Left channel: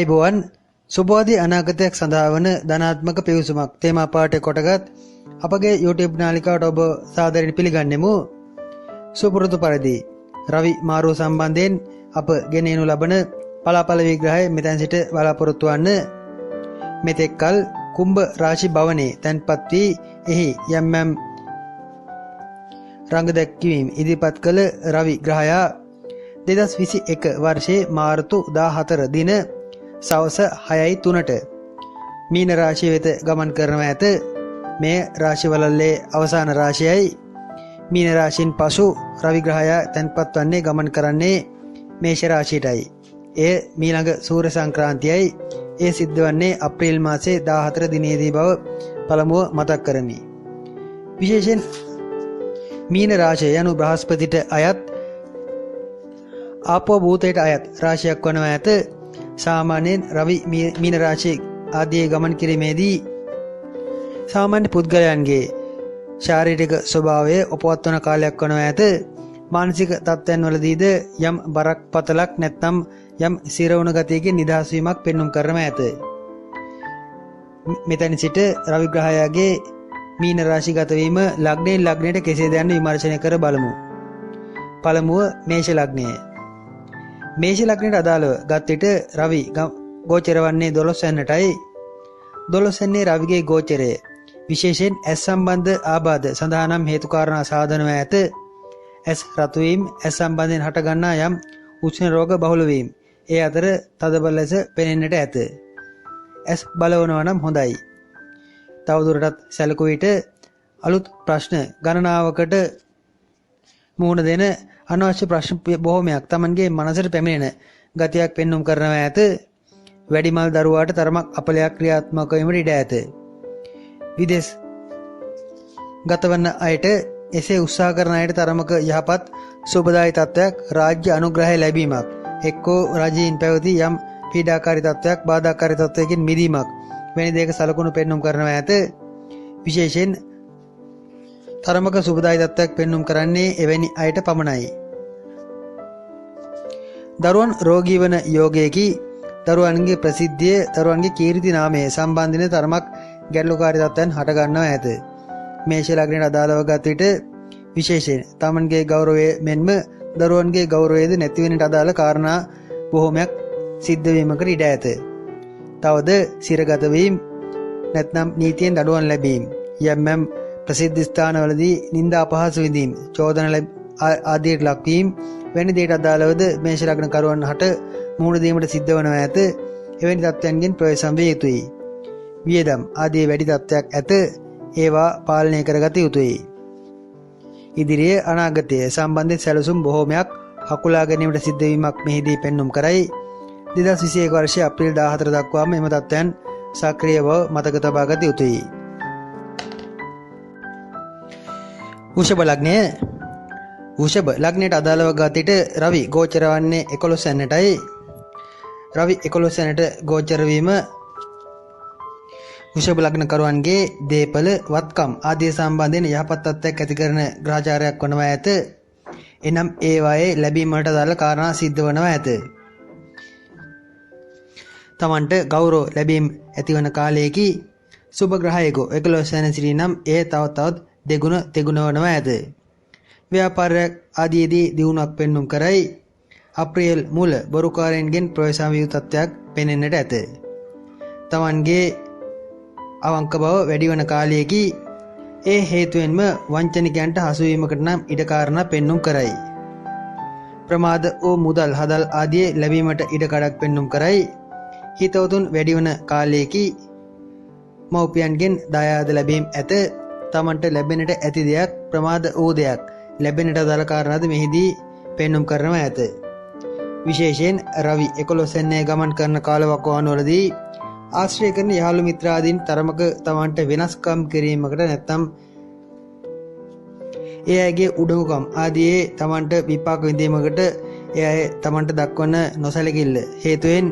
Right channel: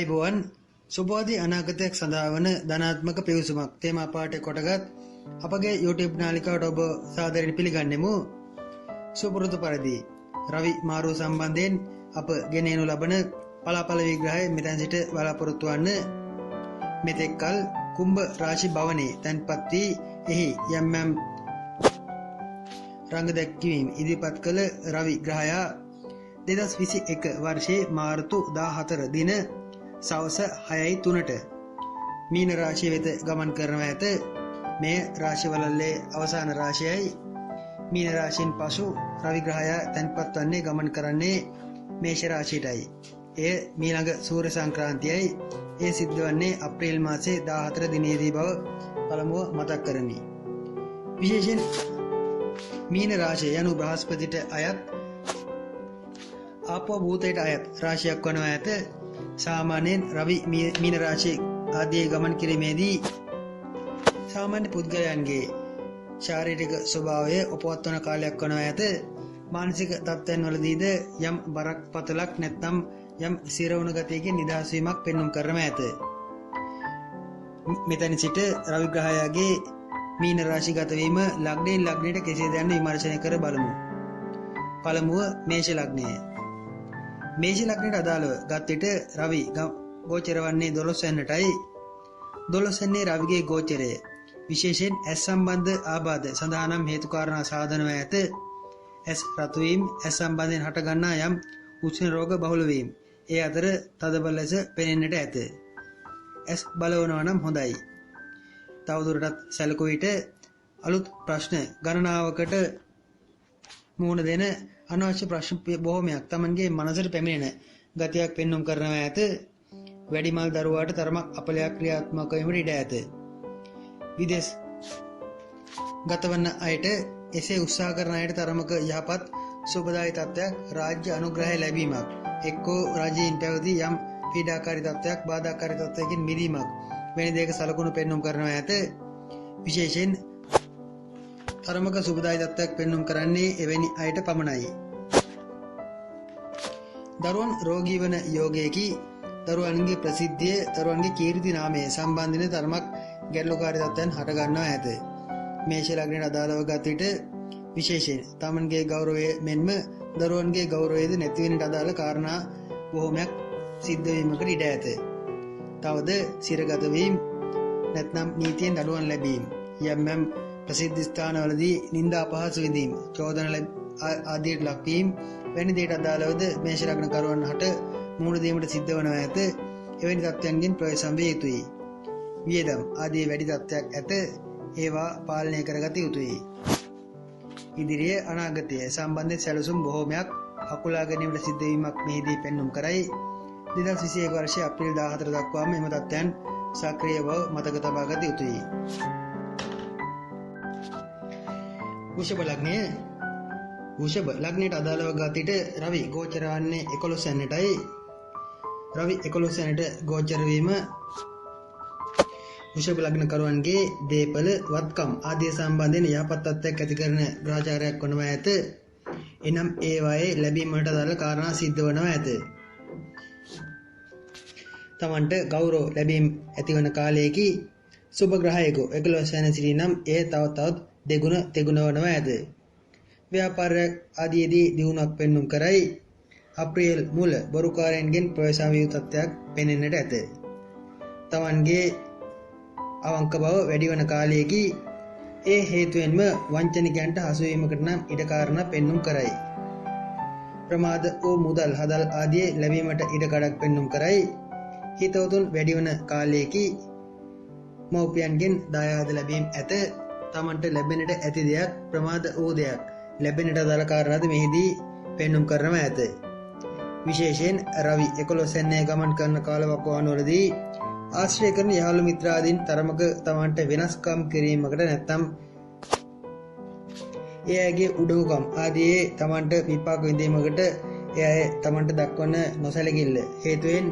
ආයිබෝවන් සුබෝධි අනාගතයක් සඳහා වන ධනාත්මක පිවිසුමක් තේමා පාඨය කොටගත් අපගේ YouTube නාලිකාවට ඔබ සාදරයෙන් පිළිගන්නෙමු. සුපුරුදු පරිදි රවි මාරුව සම්බන්ධයෙන් අප ගෙනෙනු ලබන පලාපල විග්‍රහය මෙතැන් සිට බලාපොරොත්තු වන්න. මෙතෙක්කල් කුම්භ රාශි භවනයේ තැන්පත් වී එහි යම් රංග දැක්වීම ඉදිරිපත් කළ රවි ග්‍රහයා 2021 වර්ෂයේ මාර්තු 14 දින සවස 6:03ට මීන රාශිය වෙත ගමන් කරනවා ඇත. මේ රාශිවලල්ලේ අවසාන රාශියයි. මීන රාශියෙන් පසු රවි ග්‍රහයා තැන්පත් වන්නේ ගමන් කරන්නේ මේෂ රාශියටයි. එය මීළඟ සූර්ය සංක්‍රාන්තියයි. ඒ සිද්ධ වන්නේ අප්‍රේල් මාසයේ 14 දිනේදී බව පළමුව මතක් කරමි. විශේෂයෙන් මීන රාශිය යනු බ්‍රහස්පතිට අයත් ආපෝ භූතයට අයත් රාශියක් වනවා ඇත. සාමාන්‍යයෙන් රවි මීන රාශිය ආදී ගමන් කිරීමේදී සාමාන්‍ය පුද්ගලයන්ගේ ශාරීරික ස්වභාවය උපවත්වන කාලයක් වනවා ඇත. මානසික තත්ත්වයන් වලදීද යම් බරක් පතලක් නැත්නම් යම් සිරවුණු ගතියකින් නිදහස් වීමක් පෙන්눔 කරම ඇත. මෙතන සිට රවි ග්‍රහයාගේ මීන රාශිගත වීම ලග්නයෙන් ලග්නයට කෙසේද යන්න විමර්ශනය කර බලමු. පළමුව මේෂ ලග්නය. මේෂ ලග්නයට අදාළව ගත් විට රවි ගෝචර වන්නේ 12 වෙනිටයි. 12 වෙනි රවිගේ ගෝචරය විශේෂයෙන් ඇස් සම්බන්ධ ආබාධ සඳහා නම් හේතු කාරණා සාධනව ඇත. ඇස් රතු වීම, ඇස් සම්බන්ධයෙන් හටගන්නා යම් උෂ්ණ රෝග බහුල වීම, ඒ අතර තදබල ලෙස පෙනෙන්නට ඇත. ඇස් බලවනවා නම් හොඳයි. තවදුරටත් සැලකුව විට අලුත් ප්‍රශ්න ගණනාවකට මුහුණ දෙන අනවශ්‍ය ප්‍රශ්න බොහෝමයක් Tamanගේ මනසට පැමිණෙන ගතියක් පෙන්눔 කරනවා ඇත. වැඩිමල් දරුවාට තරමක් අපලයක් ක්‍රියාත්මක වීමට ඉඩ ඇත. විදේශ ගතවන අයට එසේ උත්සාහ කරන අයට තරමක යහපත් සුබදායි තත්ත්වයක් රාජ්‍ය අනුග්‍රහය ලැබීමක්, එක්කෝ රජයෙන් පැවති යම් පීඩාකාරී තත්ත්වයක් බාධාකාරී තත්ත්වයකින් මිදීමක් වැනි දෙයක සලකුණු පෙන්눔 කරනවා ඇත. විශේෂයෙන් තරමක සුබදායි තත්ත්වයක් පෙන්눔 කරන්නේ එවැනි අයට පමණයි. දරුවන් රෝගී වන යෝගයේකි. දරුවන්ගේ ප්‍රසිද්ධිය, දරුවන්ගේ කීර්ති නාමය සම්බන්ධින තරමක් ගැටලුකාරී තත්ත්වයන් හට ගන්නවා ඇත. මේෂ ලග්නයට අදාළව ගත විට විශේෂයෙන් තමන්ගේ ගෞරවය මෙන්ම දරුවන්ගේ ගෞරවයද නැති වෙනට අදාළ කාරණා බොහෝමයක් සිද්ධ වීමකට ඉඩ ඇත. තවද සිරගත වීම නැත්නම් නීතියෙන් දඩුවම් ලැබීම, යම් ප්‍රසිද්ධ ස්ථානවලදී නිന്ദා අපහාස විඳීම, චෝදන ආදියට ලක්වීම වැනි දේට අදාළවද මේෂ ලග්න කරුවන් හට මුහුණ දීමට සිද්ධ වනවා ඇත. එවැනි තත්ත්වයන්ගෙන් ප්‍රවේශම් විය යුතුයි. වියදම් ආදී වැඩි තත්ත්වයක් ඇත. ඒවා පාලනය කරගත යුතුයි. ඉදිරියේ අනාගතය සම්බන්ධ සැලසුම් බොහෝමයක් හකුලා ගැනීමට සිද්ධ වීමක් මෙහිදී පෙන්눔 කරයි. 2021 වර්ෂයේ අප්‍රේල් 14 දක්වාම එම තත්ත්වයන් සක්‍රිය බව මතක තබා ගත යුතුයි. වෘෂභ ලග්නය. වෘෂභ ලග්නයට අදාළව ගත විට රවි ගෝචර වන්නේ 11 වෙනිටයි. රවි 11 වෙනිට ගෝචර වීම වෘෂභ ලග්න කරුවන්ගේ දේපල වත්කම් ආදී සම්බන්ධයෙන් යහපත් තත්ත්වයක් ඇති කරන ග්‍රහචාරයක් වනවා ඇත. එනම් ඒවායේ ලැබීමට අදාළ කාරණා සිද්ධ වනවා ඇත. තමන්ට ගෞරව ලැබීම ඇතිවන කාලයේකි සුභ ග්‍රහයකෝ 11 වෙනි සිටි නම් එය තවත් දෙගුණ තෙගුණ වනවා ඇත. ව්‍යාපාරයක් ආදීදී දියුණුවක් පෙන්눔 කරයි. අප්‍රේල් මුල බොරුකාරයන්ගෙන් ප්‍රවේශම් විය තත්ත්වයක් පෙනෙන්නට ඇත. තමන්ගේ අවංක බව වැඩි වන කාලයේදී ඒ හේතුවෙන්ම වංචනිකයන්ට හසුවීමකට නම් ඉඩ කාරණා පෙන්눔 කරයි. ප්‍රමාද වූ මුදල් හදල් ආදී ලැබීමට ඉඩ කඩක් පෙන්눔 කරයි. හිතවතුන් වැඩි වන කාලයේදී මව්පියන්ගෙන් දායාද ලැබීම ඇත. තමන්ට ලැබෙන්නට ඇති දෙයක් ප්‍රමාද වූ දෙයක් ලැබෙන්නට අදාළ කාරණාද මෙහිදී පෙන්눔 කරනවා ඇත. විශේෂයෙන් රවි 11 වෙනිදා ගමන් කරන කාලවකවානුවලදී ආශ්‍රය කරන යහළු මිත්‍රාදීන් තරමක තමන්ට වෙනස්කම් කිරීමකට නැත්නම් ඒ අයගේ උඩඟුකම් ආදී තමන්ට විපාක විඳීමකට ඒ අය තමන්ට දක්වන නොසැලකිල්ල හේතුවෙන්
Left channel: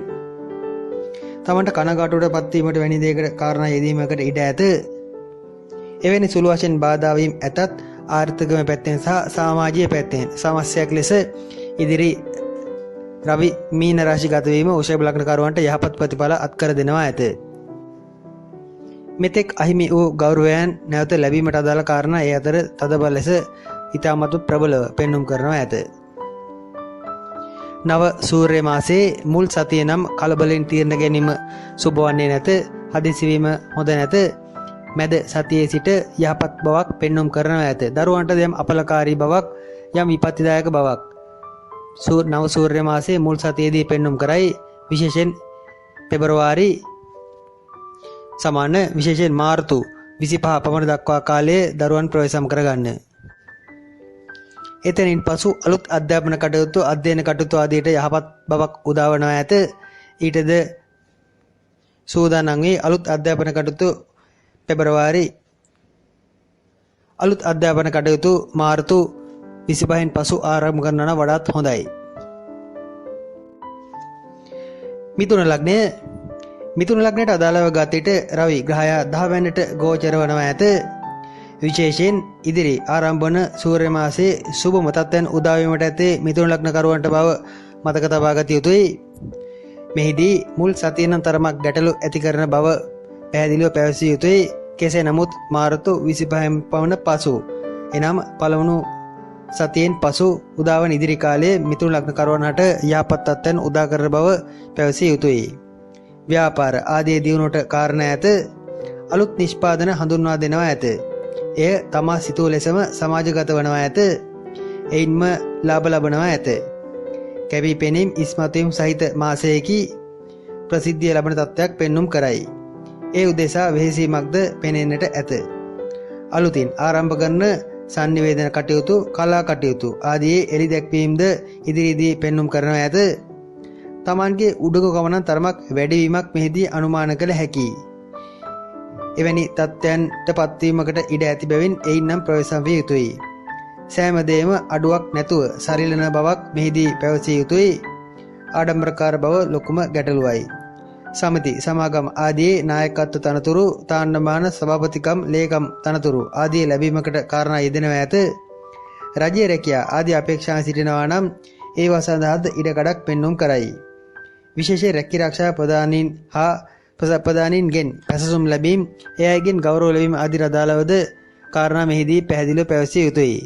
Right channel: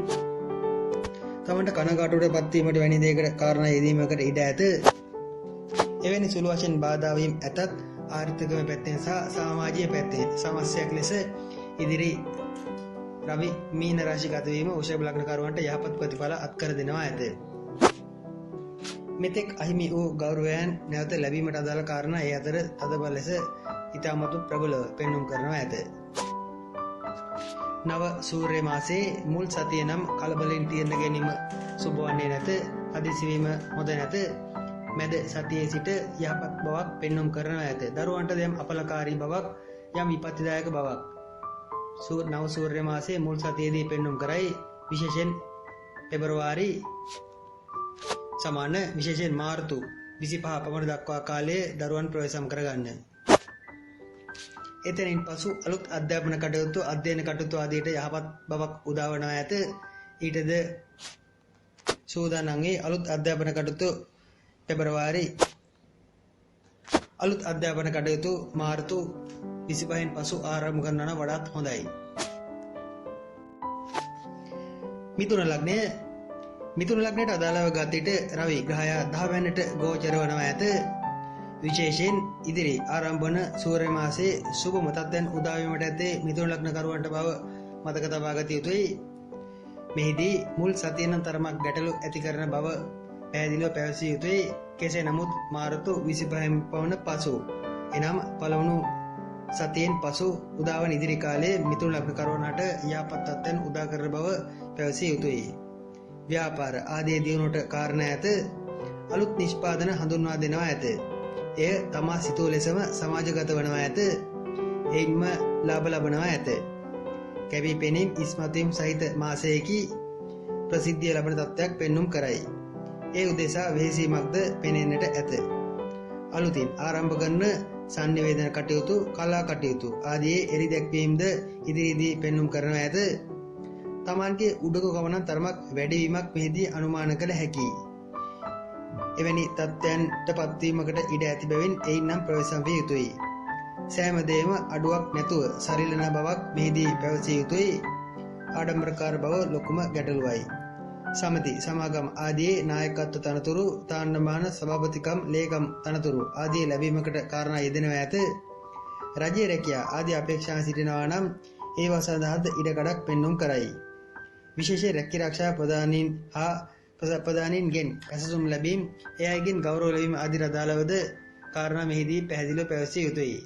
තමන්ට කනගාටුවට පත්වීමට වැනි දෙයකට කාරණා යෙදීමකට ඉඩ ඇත. එවැනි සුළු වශයෙන් බාධා වීම ඇතත් ආර්ථිකම පැත්තෙන් සහ සමාජීය පැත්තෙන් සමස්යාවක් ලෙස ඉදිරි රවි මීන රාශි ගත වීම වෘෂභ ලග්නකරුවන්ට යහපත් ප්‍රතිඵල අත්කර දෙනවා ඇත. මෙතෙක් අහිමි වූ ගෞරවයන් නැවත ලැබීමට අදාළ කාරණා ඒ අතර තදබල ලෙස ඉතාමත් ප්‍රබලව පෙන්눔 කරනවා ඇත. නව සූර්ය මාසයේ මුල් සතිය නම් කලබලෙන් තීරණ ගැනීම සුබ වන්නේ නැත. හදිසි වීම හොඳ නැත. මැද සතියේ සිට යහපත් බවක් පෙන්눔 කරනවා ඇත. දරුවන්ට යම් අපලකාරී බවක් යම් විපත්තිදායක බවක් නව සූර්ය මාසයේ මුල් සතියේදී පෙන්눔 කරයි. විශේෂයෙන් පෙබරවාරි සමාන විශේෂයෙන් මාර්තු 25 පමණ දක්වා කාලයේ දරුවන් ප්‍රවේශම් කරගන්න. එතනින් පසු අලුත් අධ්‍යාපන කටයුතු අධ්‍යයන කටයුතු ආදියට යහපත් බවක් උදාවනවා ඇත. ඊටද සූදානම් වී අලුත් අධ්‍යාපන කටයුතු පෙබරවාරි අලුත් අධ්‍යාපන කටයුතු මාර්තු 25න් පසු ආරම්භ කරනවා වඩාත් හොඳයි. මිථුන ලග්නයට අදාළව ගතිට රවි ග්‍රහය 10 වෙනිට ගෝචර වනවා ඇත. විශේෂයෙන් ඉදිරි ආරම්භ වන සූර්ය මාසයේ සුබ තත්ත්වයන් උදා වීමට ඇතේ මිථුන ලග්නකරුවන්ට බව මතක තබා ගත යුතුයි. මෙහිදී මුල් සතියෙන් තරමක් ගැටලු ඇති කරන බව පැහැදිලිව පැවසිය යුතුයි. කෙසේ නමුත් මාර්තු 25න් පමණ පසු එනම් පළමුණු සතියෙන් පසු උදාවන ඉදිරි කාලයේ මිථුන ලග්නකරුවන්ට යහපත් තත්ත්වයන් උදා කරන බව පැවසිය යුතුයි. ව්‍යාපාර ආදී දියුණුවට කාරණා ඇත. අලුත් නිෂ්පාදන හඳුන්වා දෙනවා ඇත. එය තමා සිතූ ලෙසම සමාජගත වනවා ඇත. එයින්ම ලාභ ලබනවා ඇත. කැපී පෙනීම් ඉස්මතුවීම් සහිත මාසයකි ප්‍රසිද්ධිය ලබන තත්ත්වයක් පෙන්눔 කරයි. ඒ උදෙසා වෙහෙසීමක්ද පෙනෙන්නට ඇත. අලුතින් ආරම්භ කරන සංනිවේදන කටයුතු කලා කටයුතු ආදී එලි දැක්වීමද ඉදිරියේදී පෙන්눔 කරනවා ඇත. තමන්ගේ උඩඟු ගමන තරමක් වැඩිවීමක් මෙහිදී අනුමාන කළ හැකියි. එවැනි තත්ත්වයන්ට පත්වීමකට ඉඩ ඇති බැවින් එයිනම් ප්‍රවේශම් විය යුතුයි. සෑම දෙයක්ම අඩුවක් නැතුව සරිලන බවක් මෙහිදී පැවසිය යුතුයි. ආඩම්බරකාර බව ලොකුම ගැටලුවයි. සමිති සමාගම් ආදී නායකත්ව තනතුරු තාන්නමාන සභාපතිකම් ලේකම් තනතුරු ආදී ලැබීමකට කාරණා යෙදෙනවා ඇත. රජයේ රැකියා ආදී අපේක්ෂා සිටිනවා නම් ඒවා සඳහාද ඉඩකඩක් පෙන්눔 කරයි. විශේෂ රැකී ආරක්ෂා ප්‍රධානීන් හා ප්‍රධානීන්ගෙන් පැසසුම් ලැබීම ඒ අයගෙන් ගෞරව ලැබීම ආදී අදාළවද කාරණා මෙහිදී පැහැදිලිව පැවසිය යුතුයි.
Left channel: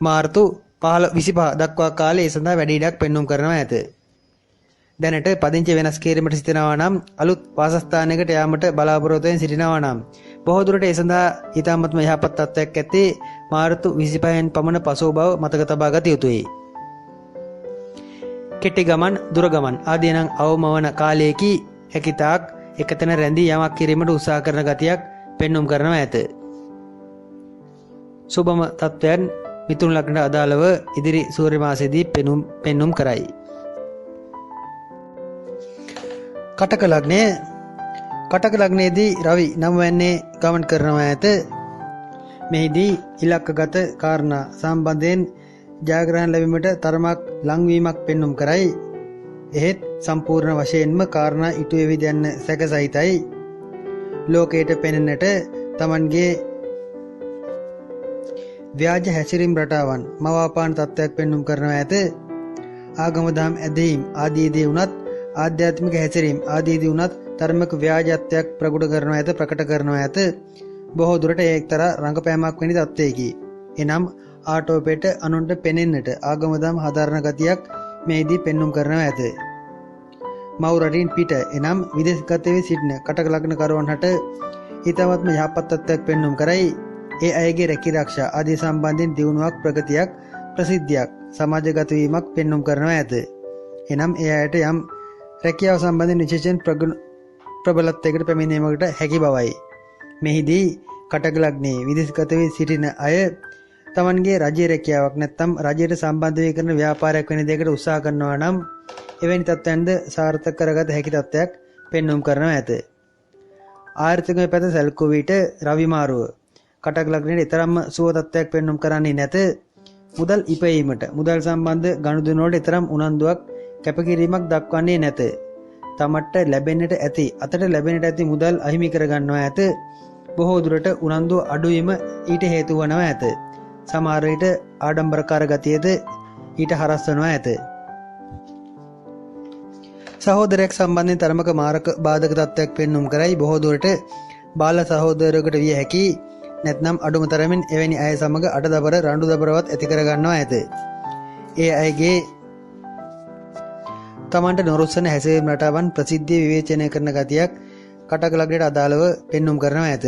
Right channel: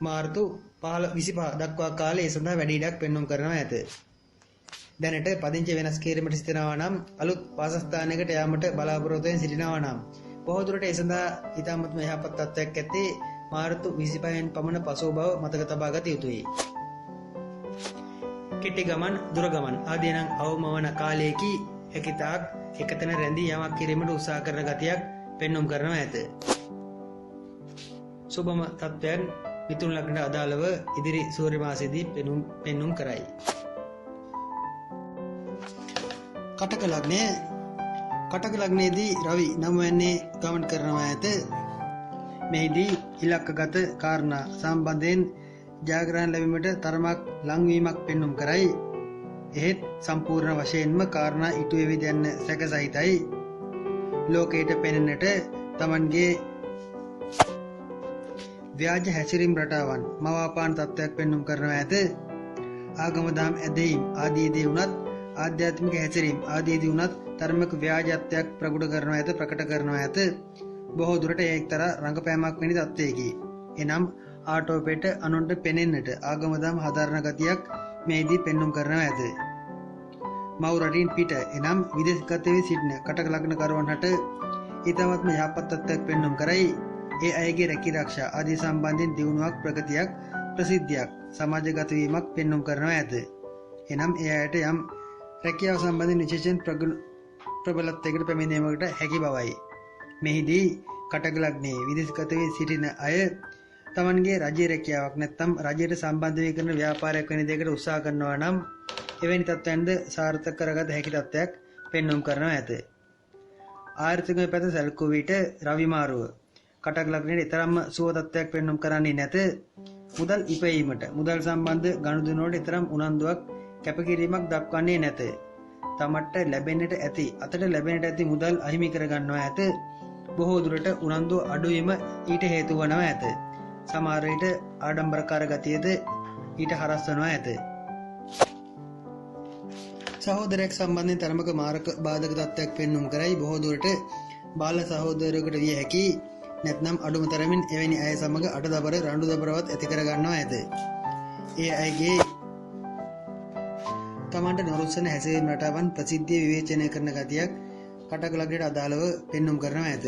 මාර්තු 25 දක්වා කාලයේ සඳහා වැඩි ඉඩක් පෙන්눔 කරනවා ඇත. දැනට පදිංචි වෙනස් කිරීමට සිටිනවා නම් අලුත් වාසස්ථානයකට යාමට බලාපොරොත්තු වෙමින් සිටිනවා නම් බොහෝ දුරට ඒ සඳහා ඊටමත්ම යහපත් තත්ත්වයක් ඇත්තේ මාර්තු 25න් පමණ පසු බව මතක තබා ගත යුතුයි. කෙටි ගමන් දුර ගමන් ආදී නම් අවම වන කාලයේදී හැකිතාක් එකතැන රැඳී යමක් කිරීමට උත්සාහ කරන ගතියක් පෙන්눔 කරනවා ඇත. සුබම තත්ත්වයන් මිථුන ලග්නට අදාළව ඉදිරි සූර්ය මාසයේදී පෙන්눔 කරයි. කටක ලග්නයේදී රවි 9 වෙනිදේ ගමන් කරනවා ඇත. මෙහිදී ඉලක්කගත කාරණා සම්බන්ධයෙන් ජයග්‍රහණ ලැබීමට තරමක් ලංවීමක් පෙන්눔 කරයි. එහෙත් සම්පූර්ණ වශයෙන්ම කාරණා ඉටු වෙවිද යන්න සැක සහිතයි. ලෝකයට පෙනෙන්නට තමන්ගේ ව්‍යාජ හැසිරීම් රටාවන් මවාපාන තත්ත්වයක් පෙන්눔 කරනවා ඇත. ආගම දහම් ඇදහිීම් ආදීදී වුණත් ආධ්‍යාත්මික හැසිරීම් ආදීදී වුණත් ධර්මික ව්‍යාජත්වයක් ප්‍රකට කරනවා ඇත. බොහෝ දුරට ඒ එක්තරා රංගපෑමක් වැනි තත්ත්වයකි. එනම් ආටෝපයට අනුන්ට පෙනෙන්නට ආගම දහම් හදාරන ගතියක් මෙහිදී පෙන්눔 කරනවා ඇත. මව් රටින් පිට එනම් විදේශගත වී සිටින කටක ලග්නකරුවන්ට ඊටමත්ම යහපත් තත්ත්වයක් පෙන්눔 කරයි. ඒ අයගේ රැකී ආරක්ෂා ආදී සම්බන්ධයෙන් දියුණුවක් ප්‍රගතියක් ප්‍රසිද්ධියක් සමාජගත වීමක් පෙන්눔 කරනවා ඇත. එනම් ඒ අයට යම් රැකියාව සම්බන්ධයෙන් විශේෂයෙන් ප්‍රබලත්වයකට පැමිණීමකට හැකි බවයි. මෙහිදී කටක ලග්නයේ විදේශගත වී සිටින අය තමන්ගේ රජයේ රැකියාවක් නැත්නම් රජයට සම්බන්ධ වී කරන ව්‍යාපාරයක් වෙන දෙයකට උත්සාහ කරනවා නම් එවැනි තත්ත්වයන්ද සාර්ථක කරගත හැකි තත්ත්වයක් පෙන්눔 කරනවා ඇත. ආර්ථිකමය පැත සැලකුව විට රවි මාරුව කටක ලග්නයේ තරම්ම සුව තත්ත්වයක් පෙන්눔 කරන්නේ නැත. මුදල් ඉපයීමට මුදල් සම්බන්ධ ගනුදෙනු වලට තරම් උනන්දුවක් කැපකිරීමක් දක්වන්නේ නැත. තමට ලැබෙන්නට ඇති අතට ලැබෙන්නට ඇති මුදල් අහිමි කර ගන්නවා ඇත. බොහෝ දුරට උනන්දුව අඩුවීම ඊට හේතු වනවා ඇත. සමහර විට ආඩම්බරකාර ගතියද ඊට හරස් වනවා ඇත. සහෝදරයක් සම්බන්ධයෙන් තරමක මාරක බාධක තත්ත්වයක් පෙන්눔 කරයි. බොහෝ දුරට බාල සහෝදරයෙකුට විය හැකි නැත්නම් අඩුම තරමින් එවැනි අය සමග අඩදබර රණ්ඩු දබරවත් ඇති කර ගන්නවා ඇත. ඒ අයගේ තමන්ට නොරුස්සන හැසිරීම් රටාවන් ප්‍රසිද්ධිය විවේචනය කරන ගතියක් කටක ලග්නයට අදාළව පෙන්눔 කරනවා ඇත.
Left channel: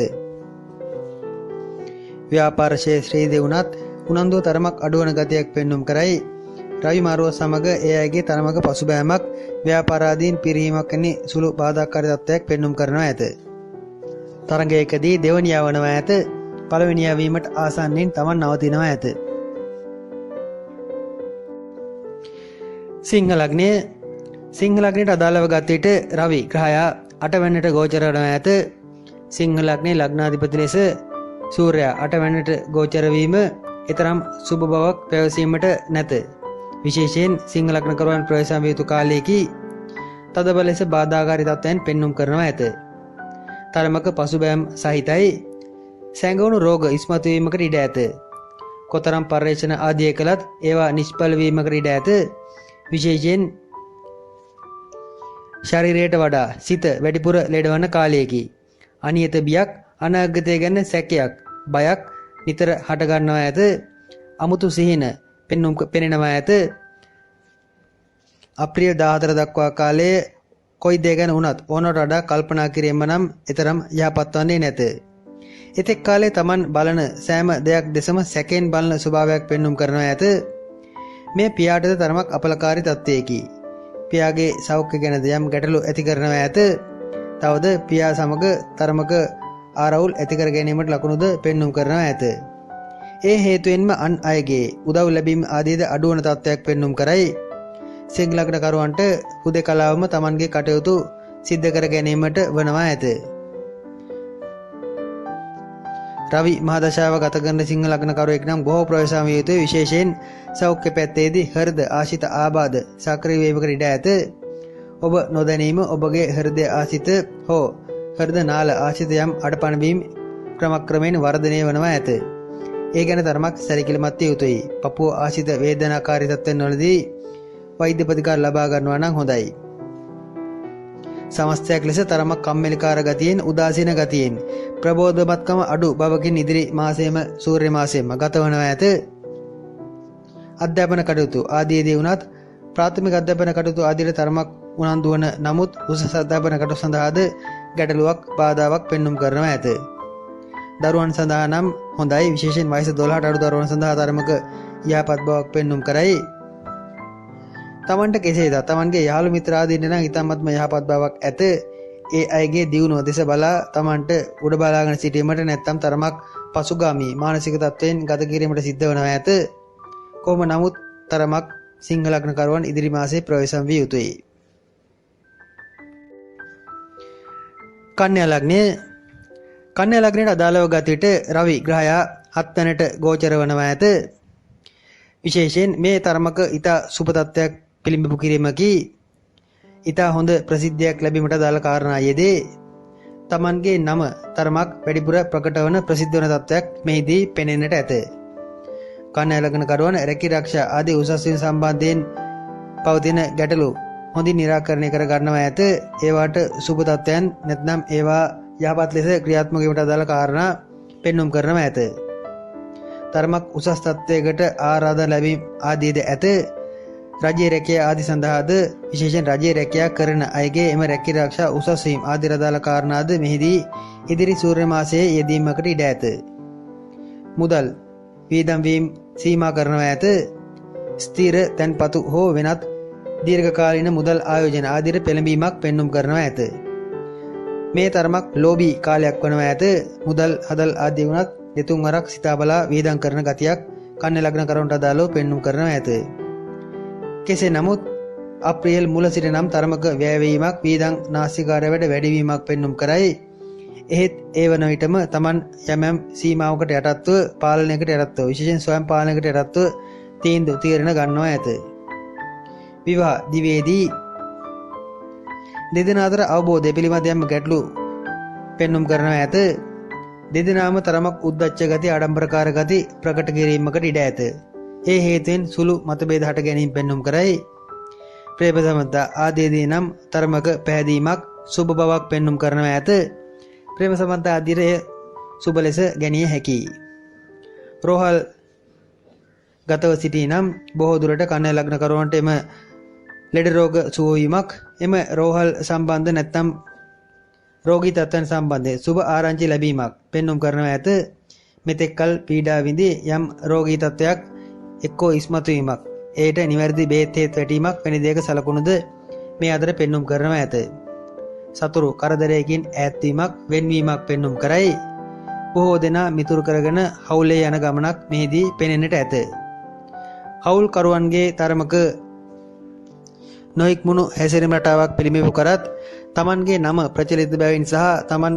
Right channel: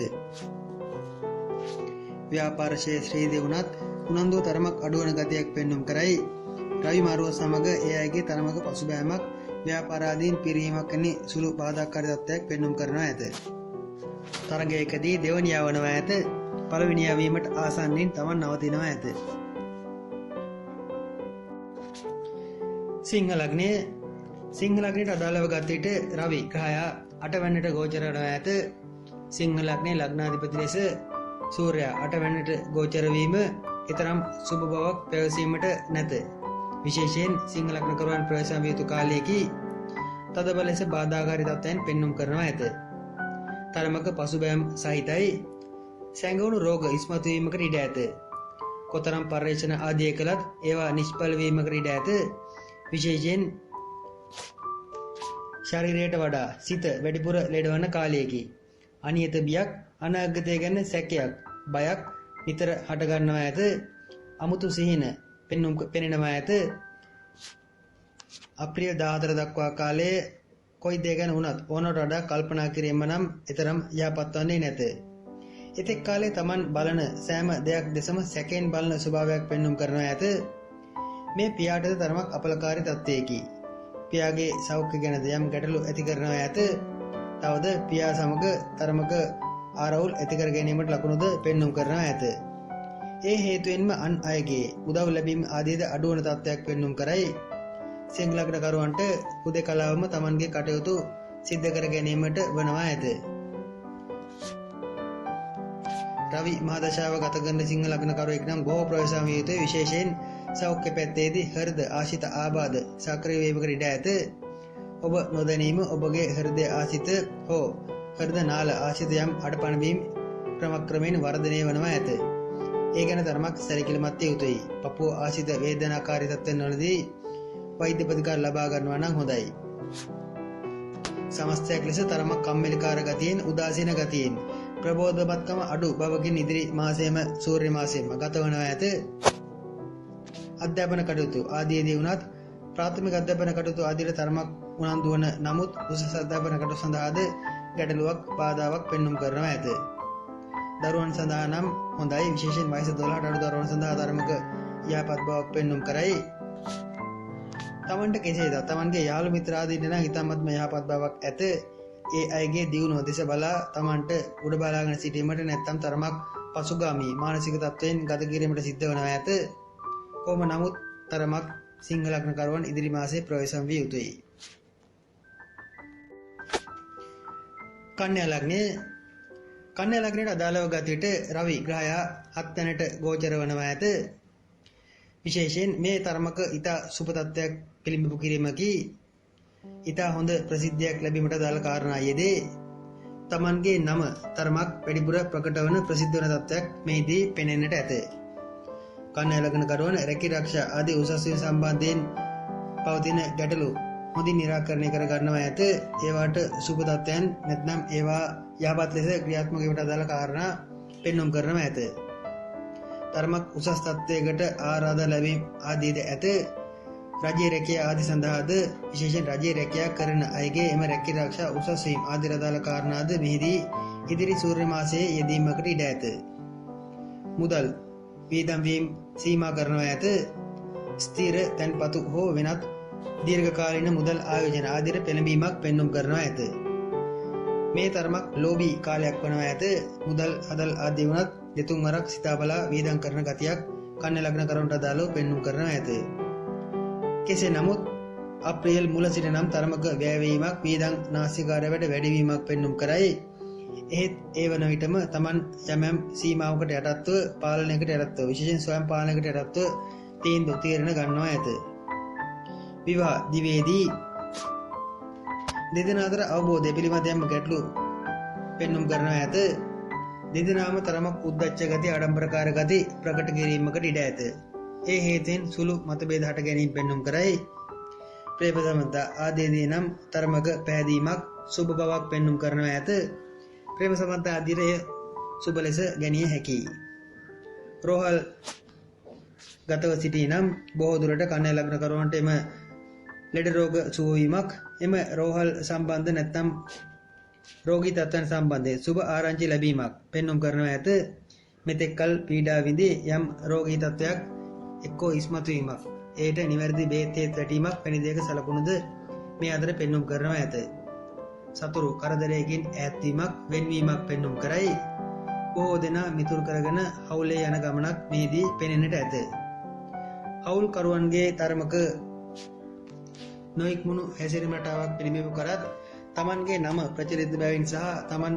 ව්‍යාපාර ක්ෂේත්‍රයේදී වුණත් උනන්දුව තරමක් අඩුවන ගතියක් පෙන්눔 කරයි. රවි මාරුව සමග ඒ අයගේ තරමක පසුබෑමක් ව්‍යාපාරාදීන් පිරීමක් වැනි සුළු බාධාකාරී තත්ත්වයක් පෙන්눔 කරනවා ඇත. තරගයකදී දෙවනියා වනවා ඇත. පළවෙනියා වීමට ආසන්නයෙන් තමන් නවතිනවා ඇත. සිංහ ලග්නය සිංහ ලග්නයට අදාළව ගත විට රවි ග්‍රහයා 8 වෙනිට ගෝචර වනවා ඇත. සිංහ ලග්නයේ ලග්නාධිපති ලෙස සූර්යයා 8 වෙනිට ගෝචර වීම ඊතරම් සුබ බවක් පැවසීමට නැත. විශේෂයෙන් සිංහ ලග්නකරුවන් ප්‍රවේශම් විය යුතු කාලයේදී තදබල ලෙස බාධාකාරී තත්ත්වයන් පෙන්눔 කරනවා ඇත. තරමක පසුබෑම් සහිතයි. සැඟවුණු රෝග ඉස්මතු වීමකට ඉඩ ඇත. කොතරම් පර්යේෂණ ආදිය කළත් ඒවා නිෂ්ඵල වීමකට ඉඩ ඇත. විශේෂයෙන් ශරීරයට වඩා සිත වැඩිපුර ලෙඩවන කාලයකි. අනියත බියක් අනාගතය ගැන සැකයක් බයක් නිතර හටගන්නවා ඇත. අමුතු සිහින පෙනෙනවා ඇත. අප්‍රිය 14 දක්වා කාලයේ කොයි දේ ගැන වුණත් ඕනට වඩා කල්පනා කිරීම නම් එතරම් යහපත් වන්නේ නැත. එතෙක් කාලේ Taman බලන සෑම දෙයක් දෙසම සැකෙන් බලන ස්වභාවයක් පෙන්눔 කරනවා ඇත. මේ පියාටද තරමක් අපලකාරී තත්ත්වයකි. පියාගේ සෞඛ්‍ය ගැනද යම් ගැටලු ඇති කරනවා ඇත. තවද පියා සමග තරමක ආරවුල් ඇති කර ගැනීමට ලකුණුද පෙන්눔 කරනවා ඇත. ඒ හේතුවෙන්ම අන් අයගේ උදව් ලැබීම ආදීද අඩුවන තත්ත්වයක් පෙන්눔 කරයි. සිංහ ලග්නකරුවන්ට හුදෙකලාවම Tamanගේ කටයුතු සිද්ධ කර ගැනීමට වනවා ඇත. රවි මහදශාව ගත කරන සිංහ ලග්නකරුවෙක් නම් බොහෝ ප්‍රවේශම් විය යුතුයි. විශේෂයෙන් සෞඛ්‍ය පැත්තේදී හෘද ආශිත ආබාධ සක්‍රිය වීමකට ඉඩ ඇත. ඔබ නොදැනීම ඔබගේ හෘද ආශිත හෝ හෘද නාල ආශිත යම් අඩපණ වීම ක්‍රමක්‍රමයෙන් වර්ධනය වනවා ඇත. ඒ ගැන තරමක් සැලකිලිමත් විය යුතුයි. පපුව ආශිත වේදනාකාරී තත්ත්වයන් වලදී වෛද්‍ය ප්‍රතිකාර ලබා ගන්නවා නම් හොඳයි. සමස්තයක් ලෙස තරමක් කම්මැලිකාර ගතියෙන් උදාසීන ගතියෙන් ප්‍රබෝධමත්කම අඩු බවකින් ඉදිරි මාසයේම සූර්ය මාසයේම ගතවනවා ඇත. අධ්‍යාපන කටයුතු ආදීදී වුණත් ප්‍රාථමික අධ්‍යාපන කටයුතු ආදීට තරමක් උනන්දු වන නමුත් උසස් අධ්‍යාපන කටයුතු සඳහාද ගැටලුවක් බාධාවක් පෙන්눔 කරනවා ඇත. දරුවන් සඳහා නම් හොඳයි. විශේෂයෙන් වයස 12ට අඩු දරුවන් සඳහා තරමක යහපත් බවක් පෙන්눔 කරයි. තමන්ට කෙසේද තමන්ගේ යාළු මිත්‍රාදීන්ට නම් ඉතාමත්ම යහපත් බවක් ඇත. ඒ අයගේ දියුණුව දෙස බලා තමන්ට උඩ බලාගෙන සිටීමට නැත්නම් තරමක් පසුගාමී මානසික තත්ත්වයෙන් ගත කිරීමට සිද්ධ වනවා ඇත. කොහොම නමුත් තරමක් සිංහ ලග්නකරුවන් ඉදිරි මාසයේ ප්‍රවේශම් විය යුතුයි. කන්‍යා ලග්නය කන්‍යා ලග්නයට අදාළව ගත විට රවි ග්‍රහයා 7 වෙනිට ගෝචර වනවා ඇත. විශේෂයෙන් මේ තරමක ඊතා සුබ තත්ත්වයක් පිළිඹු කිරීමකි. ඊතා හොඳ ප්‍රසිද්ධියක් ලැබීමට අදාළ කාරණා යෙදේ. Tamanගේ නම තරමක් වැඩිපුර ප්‍රකට වන ප්‍රසිද්ධ වන තත්ත්වයක් මෙහිදී පෙනෙන්නට ඇත. කන්‍යා ලග්නකරුවන් රැකී ආරක්ෂා ආදී උසස් වීම සම්බන්ධයෙන් පවතින ගැටලු හොඳින් निराකරණය කර ගන්නවා ඇත. ඒවාට සුබ තත්ත්වයන් නැත්නම් ඒවා යහපත් ලෙස ක්‍රියාත්මක වීමට අදාළ කාරණා පෙන්눔 කරනවා ඇත. තරමක් උසස් තත්ත්වයකට ආරාධනා ලැබීම ආදීද ඇත. රජයේ රැකියාව ආදී සඳහාද විශේෂයෙන් රජයේ රැකියාව කරන අයගේ එම රැකී ආරක්ෂා උසස් වීම ආදී අදාළ කාරණාද මෙහිදී ඉදිරි සූර්ය මාසයේ යෙදීමකට ඉඩ ඇත. මුදල් වියදම් වීම සීමා කරනවා ඇත. ස්ථිර තැන්පතු හෝ වෙනත් දීර්ඝකාලීන මුදල් ආයෝජන ආදී පෙළඹීමක් පෙන්눔 කරනවා ඇත. මේ තරමක් ලෝභී කාලයක් වනවා ඇත. මුදල් හදල් ආදී වුණත් දෙතුන් වරක් සිතා බලා වියදම් කරන ගතියක් කන්‍යා ලග්නකරුවන්ට අදාළව පෙන්눔 කරනවා ඇත. කෙසේ නමුත් අප්‍රේල් මුල සිට නම් තරමක වැයවීමක් වියදම් නාස්තිකාරය වැඩිවීමක් පෙන්눔 කරයි. එහෙත් ඒ වන විටම Taman යම් සීමාවකට යටත්ව පාලනයකට යටත්ව විශේෂයෙන් ස්වයං පාලනයකට යටත්ව තීරණ ගන්නවා ඇත. විවාහ දිවේදී දෙදෙනා අතර අවබෝධය පිළිබඳ යම් ගැටලු පෙන්눔 කරනවා ඇත. දෙදෙනාම තරමක් උද්දච්ච ගති ආඩම්බරකාර ගති ප්‍රකට කිරීමකට ඉඩ ඇත. ඒ හේතුවෙන් සුළු මතභේද හට ගැනීම පෙන්눔 කරයි. ප්‍රේම සම්බන්ධතා ආදීදී නම් තරමක පැහැදීමක් සුබ බවක් පෙන්눔 කරනවා ඇත. ප්‍රේම සම්බන්ධතා ආදීරය සුබ ලෙස ගැනිය හැකියි. රෝහල් ගතව සිටි නම් බොහෝ දුරට කන්‍යා ලග්න කරුවන්ට එම ලෙඩ රෝග සුව වීමක්, එම රෝහල් සම්බන්ධ නැත්නම් රෝගී තත්ත්වයන් සම්බන්ධයෙන් සුබ ආරංචි ලැබීමක් පෙන්눔 කරනවා ඇත. මෙතෙක්කල් පීඩා විඳි යම් රෝගී තත්ත්වයක් එක්කෝ ඉස්මතු වීමක්, එයට නිවැරදි බේත් හේත් වැටීමක් වැනි දෙයක සලකුණුද මේ අතර පෙන්눔 කරනවා ඇත. සතුරු කරදරයකින් ඈත්වීමක්, වෙන්වීමක් පෙන්눔 කරයි. බොහෝ දෙනා මිතුරු කරගෙන හවුලේ යන ගමනක් මෙහිදී පෙනෙන්නට ඇත. හවුල් කරුවන්ගේ තරමක නොඉක්මුණු හැසිරීම රටාවක් පිළිඹු කරත් තමන්ගේ නම ප්‍රචලිත බැවින් සහ තමන්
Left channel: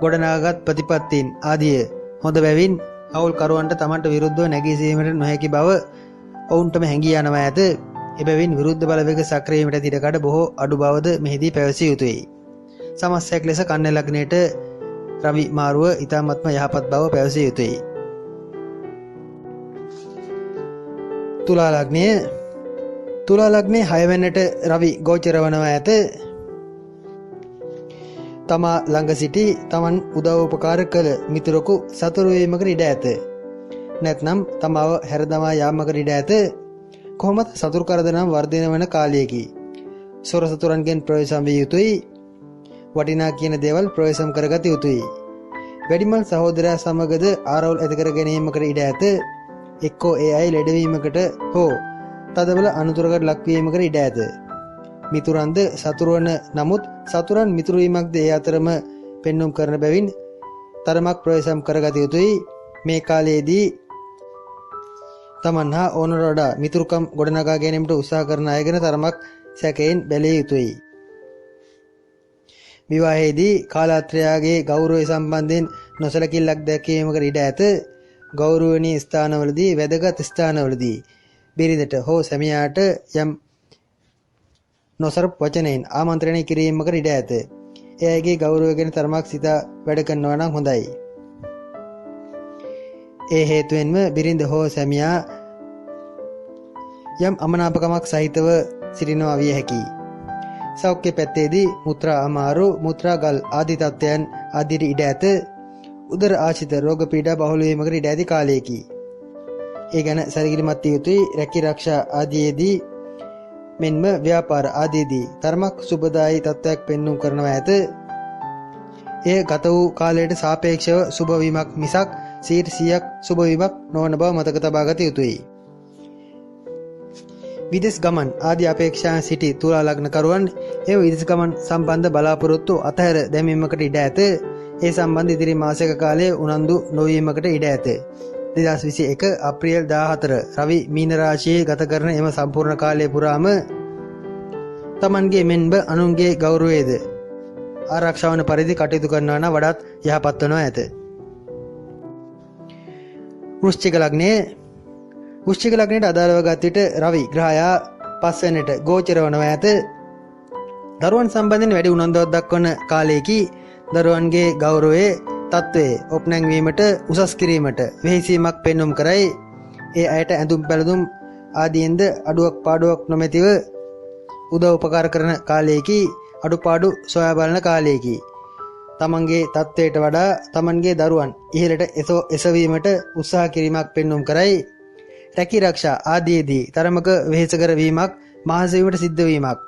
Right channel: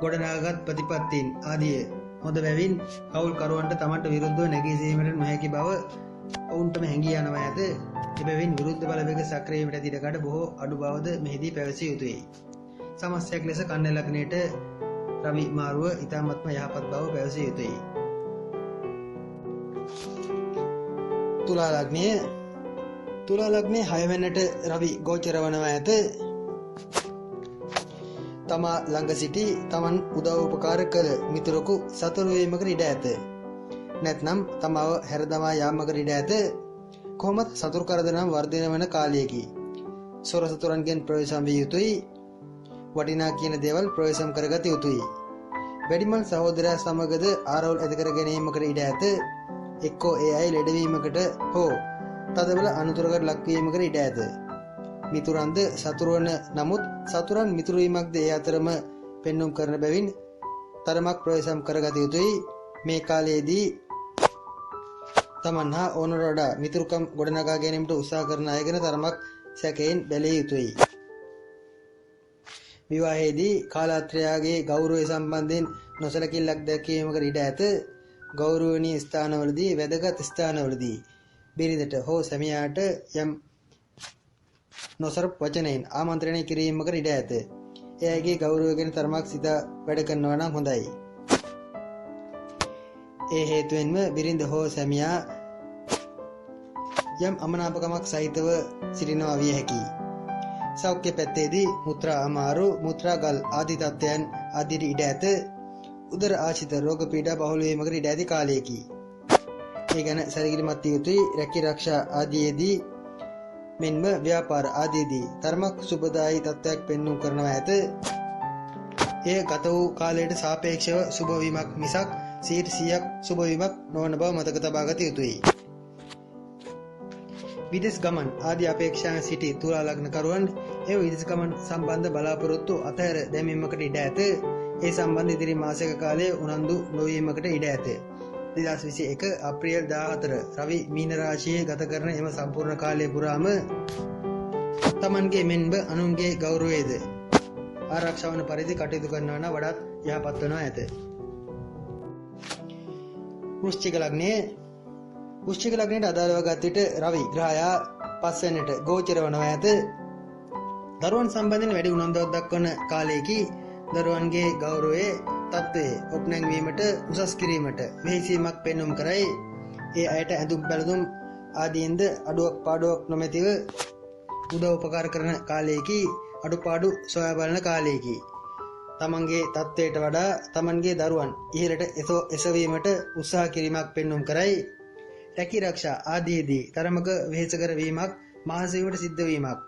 ගොඩනගාගත් ප්‍රතිපත්තීන් ආදිය හොඳ බැවින් හවුල් කරුවන්ට තමන්ට විරුද්ධව නැගී සිටීමට නොහැකි බව ඔවුන්ටම හැඟී යනවා ඇත. එබැවින් විරුද්ධ බලවේග සක්‍රිය වීමට ඉඩකඩ බොහෝ අඩු බවද මෙහිදී පැවසිය යුතුයි. සමස්තයක් ලෙස කන්‍යා ලග්නයට රවි මාරුව ඉතාමත්ම යහපත් බව පැවසිය යුතුයි. තුලා ලග්නය. තුලා ලග්නයේ 6 වෙනිට රවි ගෝචර වනවා ඇත. තමා ළඟ සිටි තමන් උදව් උපකාර කළ මිතුරෙකු සතුරු වීමකට ඉඩ ඇත. නැත්නම් තමාව හැරදමා යාමකට ඉඩ ඇත. කොහොමද සතුරු කරදරම් වර්ධනය වන කාලයකි. සොර සතුරන්ගෙන් ප්‍රවේශම් විය යුතුයි. වටිනා කියන දේවල් ප්‍රවේශම් කරගත යුතුයි. වැඩිමල් සහෝදරයා සමගද ආරවුල් ඇති කර ගැනීමකට ඉඩ ඇත. එක්කෝ ඒ අය ලෙඩවීමකට හෝ තදබල අනුතුරකට ලක්වීමකට ඉඩ ඇත. මිතුරන්ද සතුරුවන නමුත් සතුරන් මිතුරුවීමක්ද ඒ අතරම පෙන්눔 කරන බැවින් තරමක් ප්‍රවේශම් කරගත යුතුයි. මේ කාලයේදී තමන් හා ඕනට වඩා මිතුරුකම් ගොඩනගා ගැනීමට උත්සාහ කරන අය ගැන තරමක් සැකයෙන් බැලිය යුතුයි. විවාහයේදී කාලාත්‍රයාගේ ගෞරවය සම්බන්ධයෙන් නොසලකිල්ලක් දැක්වීමකට ඉඩ ඇත. ගෞරවනීය ස්ථානවලදී, වැදගත් ස්ථානවලදී බිරිඳට හෝ සැමියාට යම් නොසරප් වචනයෙන් ආමන්ත්‍රණය කිරීමකට ඉඩ ඇත. ඒ අයගේ ගෞරවය ගැන තරමක් සිතා වැඩ කරනවා නම් හොඳයි. ඒ හේතුවෙන්ම බිරිඳ හෝ සැමියා යම් අමනාපකමක් සහිතව සිටිනවා විය හැකියි. සෞඛ්‍ය පැත්තේදී මුත්‍රා අමාරු, මුත්‍රා ගල් ආදී තත්ත්වයන් ආදියට ඉඩ ඇත. උදර ආශ්‍රිත රෝග පීඩා බහුල වීමකට ඉඩ ඇති කාලයකි. ඒ ගැන සැලකිලිමත් විය යුතුයි. රැකී ආරක්ෂා ආදීදී මෙන්ම ව්‍යාපාර ආදීදී තරමක් සුබදායී තත්ත්වයක් පෙන්눔 කරනවා ඇත. එය ගත වූ කාලයට සාපේක්ෂව සුබ වීමක් මිසක් 100% සුබ වීමක් නොවන බව මතක තබා ගත යුතුයි. විදේශ ගමන් ආදී අපේක්ෂාන් සිටි තුලා ලග්න කරුවන් ඒ විදේශ ගමන් සම්බන්ධ බලාපොරොත්තු අතහැර දැමීමකට ඉඩ ඇත. ඒ සම්බන්ධ ඉදිරි මාසික කාලයේ උනන්දු නොවීමකට ඉඩ ඇත. 2021 අප්‍රේල් 14 රවි මීන රාශියේ ගත කරන එම සම්පූර්ණ කාලය පුරාම තමන්ගේ මෙන්ම අනුන්ගේ ගෞරවයේද ආරක්ෂා වන පරිදි කටයුතු කරනවා නම් වඩාත් යහපත් වෙනවා ඇත. වෘශ්චික ලග්නය. වෘශ්චික ලග්නයට අදාළව ගත් විට රවි ග්‍රහයා 5 වෙනිට ගෝචර වනවා ඇත. දරුවන් සම්බන්ධයෙන් වැඩි උනන්දුවක් දක්වන කාලයකි. දරුවන්ගේ ගෞරවයේ තත්ත්වයේ ඔප්නැංවීමට උසස් කිරීමට වෙහෙසීමක් පෙන්눔 කරයි. ඒ අයට ඇඳුම් පැළඳුම් ආදීන්ද අඩුවක් පාඩුවක් නොමැතිව උදව් උපකාර කරන කාලයකි. අඩුපාඩු සොයා බලන කාලයකි. තමන්ගේ තත්ත්වයට වඩා තමන්ගේ දරුවන් ඉහළට එසවීමට උත්සාහ කිරීමක් පෙන්눔 කරයි. රැකී ආරක්ෂා ආදීදී තරමක වෙහෙසකර වීමක්, මහන්සි වීමට සිද්ධ වීමක්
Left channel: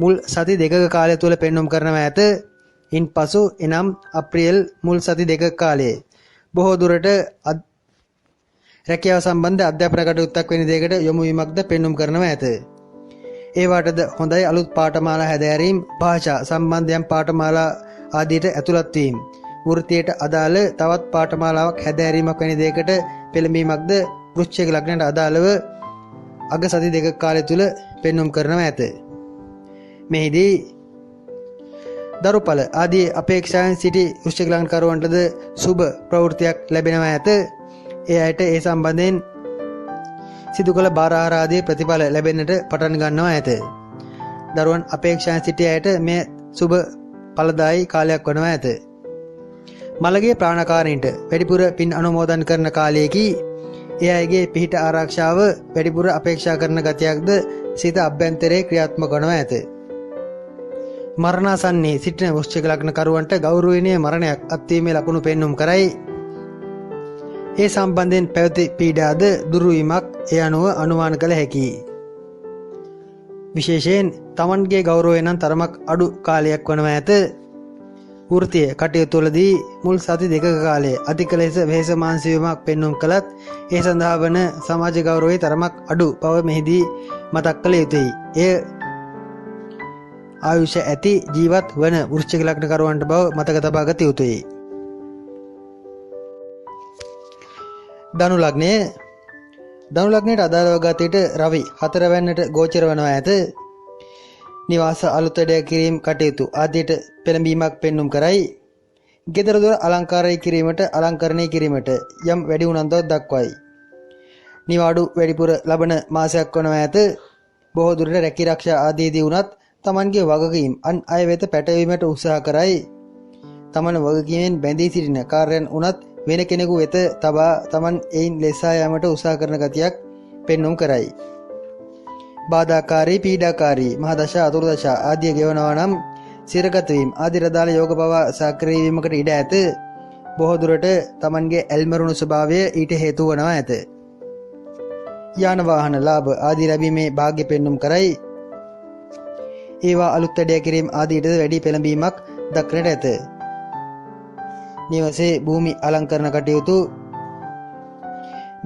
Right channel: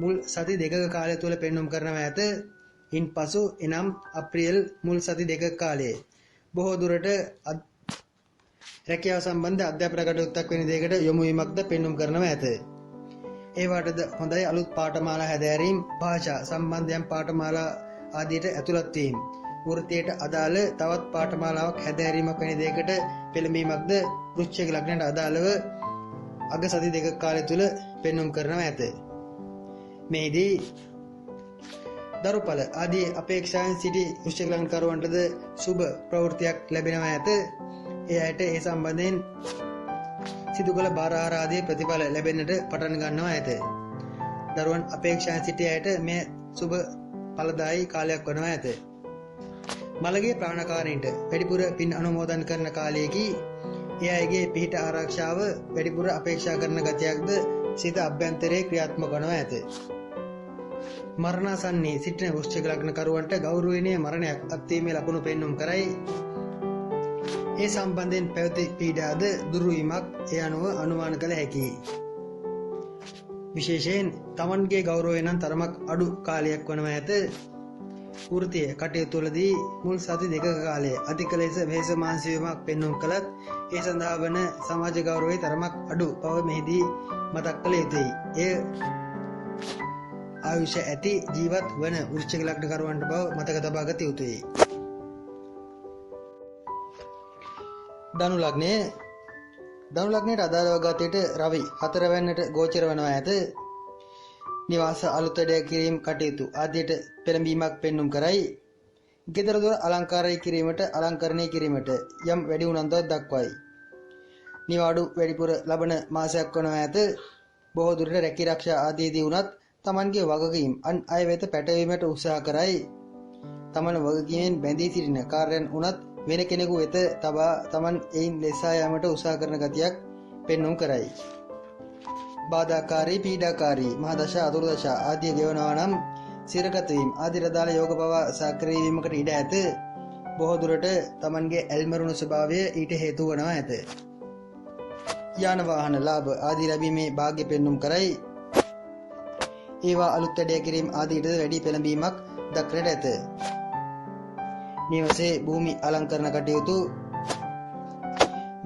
මුල් සති දෙකක කාලය තුල පෙන්눔 කරනවා ඇත. ඉන්පසු එනම් අප්‍රේල් මුල් සති දෙකක කාලයේ බොහෝ දුරට රැකියාව සම්බන්ධ අධ්‍යාපන කටයුත්තක් වෙන දෙයකට යොමු වීමක්ද පෙන්눔 කරනවා ඇත. ඒ වටද හොඳයි අලුත් පාඨමාලා හැදෑරීම්, භාෂා සම්බන්ධයෙන් පාඨමාලා ආදියට ඇතුළත් වීම, වෘත්තියට අදාළ තවත් පාඨමාලාවක් හැදෑරීමක් වැනි දෙයකට පෙළඹීමක්ද වෘශ්චික ලග්නයට අදාළව අග සති දෙකක කාලය තුල පෙන්눔 කරනවා ඇත. මෙහිදී දරුඵල ආදී අපේක්ෂාවෙන් සිටි වෘශ්චික ලග්න කරුවන්ටද සුබ ප්‍රවෘත්තියක් ලැබෙනවා ඇත. ඒ අයට ඒ සම්බන්ධයෙන් සිදු කළ බාරහාර ආදී ප්‍රතිඵල ලැබෙන්නට පටන් ගන්නවා ඇත. දරුවන් අපේක්ෂාවෙන් සිටි අයට මේ සුබ ඵලදායී කාලයක් වනවා ඇත. මළගේ ප්‍රාණකාරීන්ට වැඩිපුර පින් අනුමෝදන් කරන කාලයකි. ඒ අයගේ පිහිට ආරක්ෂාව වැඩිපුර අපේක්ෂා කරන ගතියක්ද සිත අභ්‍යන්තරයේ ක්‍රියාත්මක වනවා ඇත. මරණාසන්නයේ සිටින වෘශ්චික ලග්න කරුවන්ට ගෞරවනීය මරණයක් අත්වීමේ ලකුණු පෙන්눔 කරයි. ඒ සම්බන්ධයෙන් පැවති පීඩාද දුරු වීමක් ඒ අනුව අනුමාන කළ හැකියි. විශේෂයෙන් තමන්ගේ ගෞරවය නම් තරමක් අඩු කාලයක් වනවා ඇත. වෘත්තීය කටයුතුවලදී මුල් සති දෙකක කාලය අධික ලෙස වෙහෙස මානසික වීමක් පෙන්눔 කළත් ඒ සඳහා වන සමාජ ගෞරවයේ තරමක් අඩු බව මෙහිදී මතක් කළ යුතුයි. එය ආයුෂ ඇති ජීවත් වන වෘශ්චික ලග්න කරුවන්ට බව මතක තබා ගත යුතුයි. ධනු ලග්නය ධනු ලග්නයට අදාළව ගතයට රවි 4 වැන්නට ගෝචර වනවා ඇත. නිවාස අලුත් වැඩ කිරීම කටයුතු ආදියට පෙළඹීමක් පෙන්눔 කරයි. ගෙදර දොර අලංකාරය කිරීමට අලංකරණය කිරීමට යම් වැඩි උනන්දුවක් දක්වයි. නිවාඩු වැඩිපුර ලබන මාසයක් වනවා ඇත. බොහෝ දුරට රැකී ආරක්ෂා ආදීදී වුණත් තමන්ගේ වගකීම් අන් අය වෙත පැටවීමට උත්සාහ කරයි. තමන් වගකීමෙන් බැඳී සිටින කාර්යයන් වුණත් වෙන කෙනෙකු වෙත තබා තමන් එයින් ලෙසා යාමට උත්සාහ කරන ගතියක් පෙන්눔 කරයි. බාධාකාරී පීඩාකාරී මහදශා අතුරුදශා ආදිය ගෙවනවා නම් සිරගත වීම ආදී රදාල යෝග පවා සක්‍රිය වීමකට ඉඩ ඇත. බොහෝ දුරට තමන්ගේ ඇල්මරුණු ස්වභාවය ඊට හේතු වනවා ඇත. යාන වාහන ලාභ ආදී ලැබීමේ වාග්ය පෙන්눔 කරයි. ඒවා අලුත් වැඩ කිරීම ආදීට වැඩි පෙළඹීමක් දක්නට ඇත. නිවසේ භූමි අලංකරණ කටයුතු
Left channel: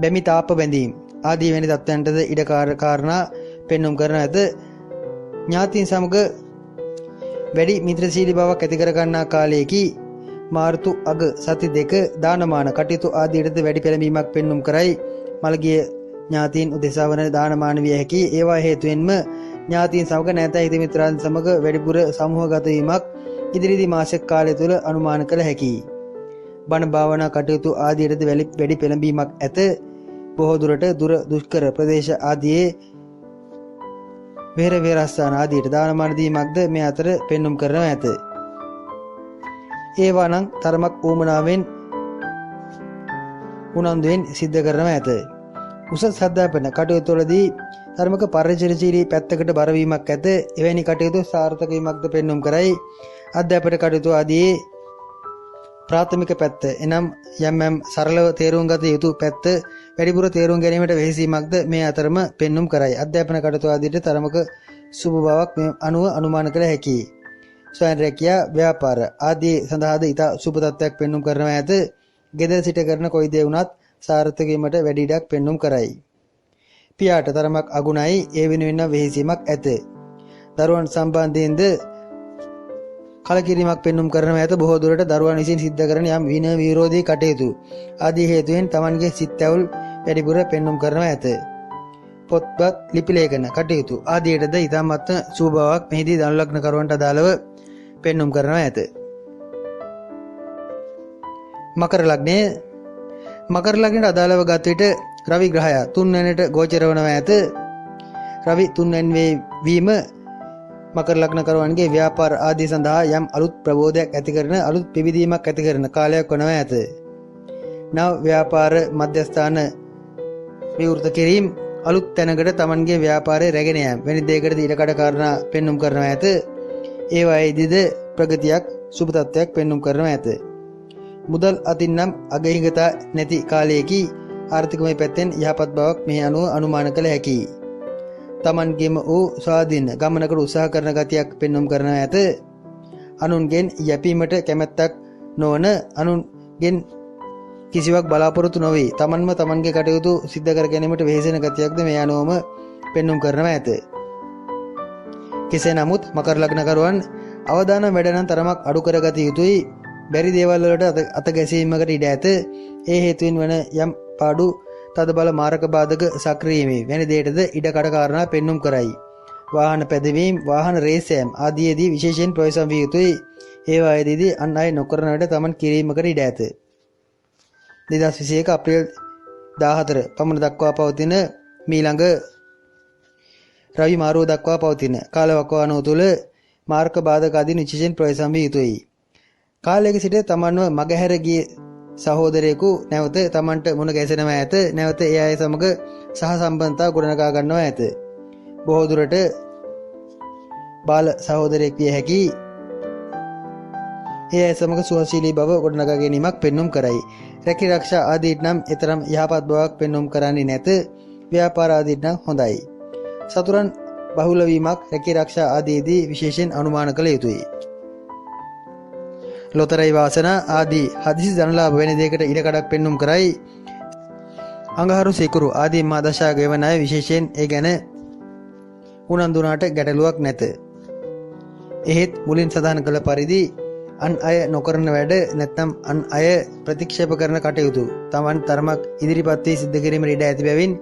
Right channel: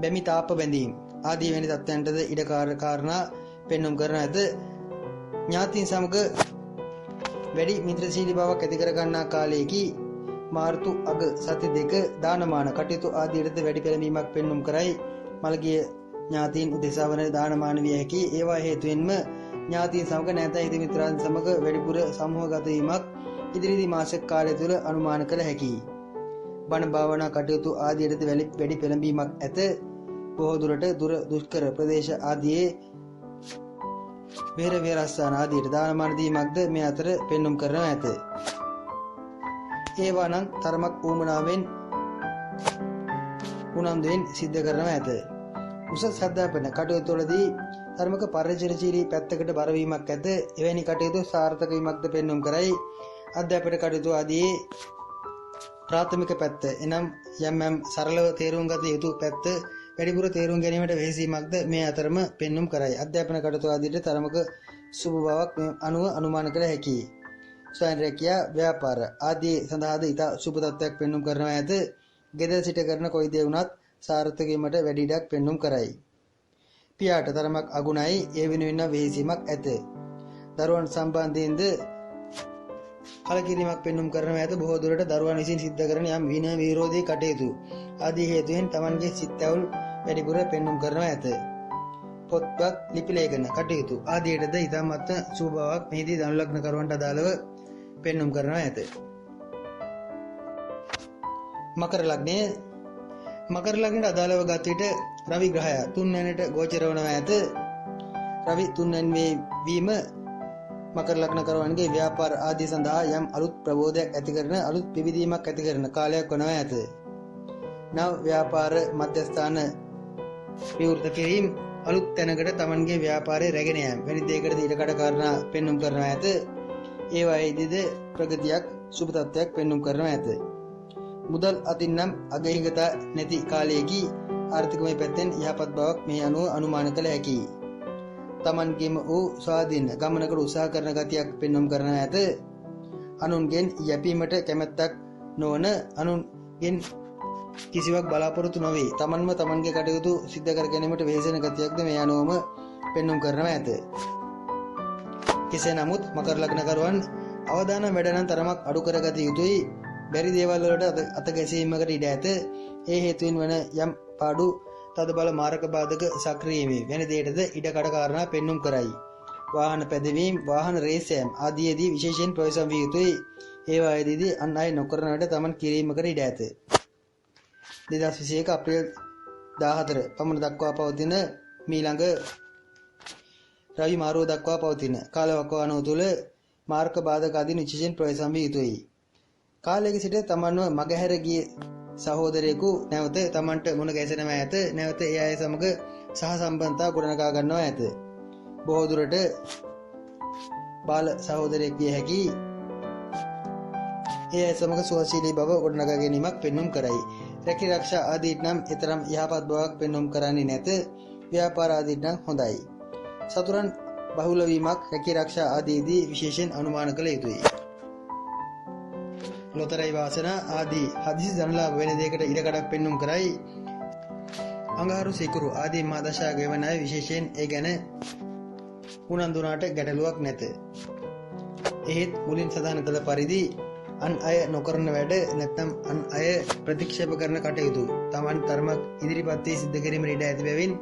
බැමි තාප බැඳීම් ආදී වැනි තත්ත්වයන්ටද ඉඩ කාරණා පෙන්눔 කරන ඇත. ඥාතීන් සමග වැඩි මිත්‍රශීලී බවක් ඇති කර ගන්නා කාලයේදී මාර්තු අග සති දෙක දානමාන කටයුතු ආදීටද වැඩි පෙළඹීමක් පෙන්눔 කරයි. මළගිය ඥාතීන් උදෙසා වන දානමාන විය හැකි. ඒවා හේතුවෙන්ම ඥාතීන් සමග නැත හිත මිත්‍රයන් සමග වැඩිපුර සමූහගත වීමක් ඉදිරිදි මාසික කාලය තුළ අනුමාන කළ හැකියි. බණ භාවනා කටයුතු ආදීටද වැඩි පෙළඹීමක් ඇත. බොහෝ දුරට දුර දුෂ්කර ප්‍රදේශ ආදියේ වෙහෙර විහාරස්ථාන ආදියට දානමාන දීමක්ද මේ අතර පෙන්눔 කරනවා ඇත. ඒවා නම් තරමක් ඌමනාවෙන් උනන්දුවෙන් සිද්ධ කරනවා ඇත. උසස් අධ්‍යාපන කටයුතුවලදී ධර්මක පරිචරශීලී පැත්තකට බරවීමක් ඇත. එවැනි කටයුතු සාර්ථක වීමක්ද පෙන්눔 කරයි. අධ්‍යාපන කටයුතු ආදී ප්‍රාථමික පැත්ත එනම් යම් සරලව තේරුම් ගත යුතු පැත්ත වැඩිපුර තේරුම් ගැනීමට වෙහෙසීමක්ද මේ අතරම පෙන්눔 කරයි. අධ්‍යාපන කටයුතු ආදීට තරමක සුබ බවක් මේ අනුව අනුමාන කළ හැකියි. ස්වයං රැකියා ව්‍යාපාර ආදී සඳහාද ඉතා සුබ තත්ත්වයක් පෙන්눔 කරනවා ඇත. ගෙදර සිට කරන කොයි දේ වුණත් සාර්ථක වීමට වැඩි ඉඩක් පෙන්눔 කරයි. පියාට තරමක් අගුණයි ඒ වෙනුවෙන් වෙහෙසීමක් ඇත. දරුවන් සම්බන්ධයෙන්ද කලකිරීමක් පෙන්눔 කරනවා ඇත. බොහෝ දුරට දරුවන් විසින් සිද්ධ කරන යම් විනය විරෝධී කටයුතු ආදී හේතුවෙන් තමන්ගේ සිත් ඇවුල් වැඩිපුර පෙන්눔 කරනවා ඇත. පොත්පත් ලිපි ලේඛන කටයුතු ආදීටද ඉතාමත් සුබ බවක් මෙහිදී ධනු ලග්න කරුවන්ට අදාළව පෙන්눔 කරනවා ඇත. මකර ලග්නය මකර ලග්නයට අදාළව ගත විට රවි ග්‍රහය 3 වෙනිට ගෝචර වනවා ඇත. රවි 3 වෙනි වීම මකර ලග්න කරුවන්ගේ ව්‍යාපාර ආදී සඳහා යම් අලුත් ප්‍රබෝධයක් ඇති කරන අලුත් පිබිදීමක් ඇති කරන කාලයක් වනවා ඇත. නව ව්‍යාපාර මධ්‍යස්ථාන විවෘත කිරීම අලුත් තැනකට තමන්ගේ ව්‍යාපාරය රැගෙන යාම වැනි දෙයකට ඉඩකඩ කාරණා පෙන්눔 කරනවා ඇත. ඒවායිදීද ප්‍රගතියක් සුබ තත්ත්වයක් පෙන්눔 කරනවා ඇත. මුදල් අතින් නම් අගහිඟතා නැති කාලයේදී ආර්ථිකමය පැත්තෙන් යහපත් බවක් මේ අනුව අනුමාන කළ හැකියි. තමන්ගේම වූ ස්වාධීන ගමනකට උත්සාහ කරන ගතියක් පෙන්눔 කරනවා ඇත. අනුන්ගෙන් යැපීමට කැමැත්තක් නොවන අනුන්ගෙන් කිසිවක් බලාපොරොත්තු නොවේ තමන්ම තමන්ගේ කටයුතු සිද්ධ කර ගැනීමට වෙහෙසෙන ගතියක්ද මේ අනුවම පෙන්눔 කරනවා ඇත. කෙසේ නමුත් මකර ලග්නකරුවන් අවදානම් වැඩ නම් තරමක් අඩු කරගත යුතුයි. බැරි දේවල් වලට අත ගැසීමකට ඉඩ ඇත. ඒ හේතුවෙන් වන යම් පාඩු තදබල මාරක බාධක සක්‍රිය වීම වැනි දෙයටද ඉඩ කඩ කාරණා පෙන්눔 කරයි. වාහන පැදවීම වාහන රේස් යාම ආදීදී විශේෂයෙන් ප්‍රවේශම් විය යුතුයි. ඒවායේදී අන් අය නොකරන වැඩ තමන් කිරීමකට ඉඩ ඇත. 2021 අප්‍රේල් 14 පමණ දක්වා පවතින මීළඟ රවි මාරුව දක්වා පවතින කාලවකවානුව තුළ මාර්ග බාධක ආදී විශේෂයෙන් ප්‍රවේශම් විය යුතුයි. කාලයක සිට තමන්ව මගහැර ගිය සහෝදරයෙකු නැවත තමන්ට මුණ ගැසෙනවා ඇත. නැවත ඒ අය සමග සහ සම්බන්ධතා ගොඩනගා ගන්නවා ඇත. බොහෝ දුරට බාල සහෝදරයෙක් විය හැකි. ඒ අය සමග සුවශීලී බව ගොඩනගා ගැනීමක් පෙන්눔 කරයි. රැකී ආරක්ෂා ආදීට නම් එතරම් යහපත් බවක් පෙන්눔 කරන්නේ නැත. ව්‍යාපාර ආදීට නම් හොඳයි. සතුරන් බහුල වීමක් රැකී ආරක්ෂා ආදීදී විශේෂයෙන් අනුමාන කළ යුතුයි. ලොතරැයි වාසනා ආදී හදිසි ධනලාභ වෙන දෙයකට ඉඩකඩක් පෙන්눔 කරයි. අඟහරු සිකුරු ආදී මා දශා ගෙවන අය විශේෂයෙන් ඒ ගැන උනන්දුනාට ගැටලුවක් නැත. එහෙත් මුලින් සඳහන් කළ පරිදි අන් අය නොකරන වැඩ නැත්නම් අන් අය ප්‍රතික්ෂේප කරන කටයුතු තමන් තරමක් ඉදිරිපත් වී සිද්ධ කිරීමට ඉඩ ඇති බැවින්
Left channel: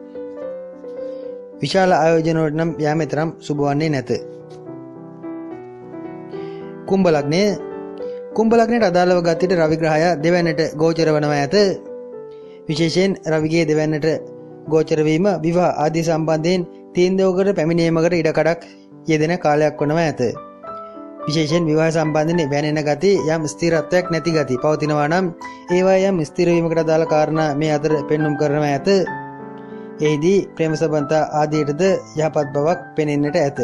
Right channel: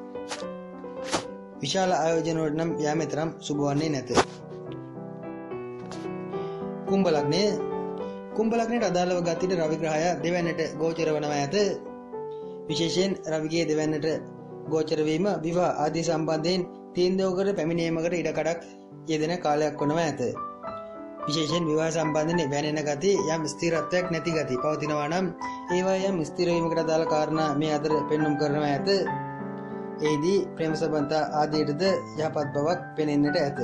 විශාල ආයෝජනවලට නම් යාම තරම් සුබ වන්නේ නැත. කුම්භ ලග්නය. කුම්භ ලග්නයට අදාළව ගත රවි ග්‍රහය දෙවැන්නට ගෝචර වනවා ඇත. විශේෂයෙන් රවිගේ දෙවැන්නට ගෝචර වීම විවාහ ආදී සම්බන්ධයෙන් තීන්දුවකට පැමිණීමකට ඉඩකඩක් යෙදෙන කාලයක් වනවා ඇත. විශේෂයෙන් විවාහ සම්බන්ධයෙන් වැනෙන ගති යම් ස්ථිරත්වයක් නැති ගති පවතිනවා නම් ඒවා යම් ස්ථිර වීමකට අදාළ කාරණා මේ අතර පෙන්눔 කරනවා ඇත. එෙහිදී ප්‍රේම සම්බන්ධතා ආදීටද යහපත් බවක් පෙනෙන්නට ඇත.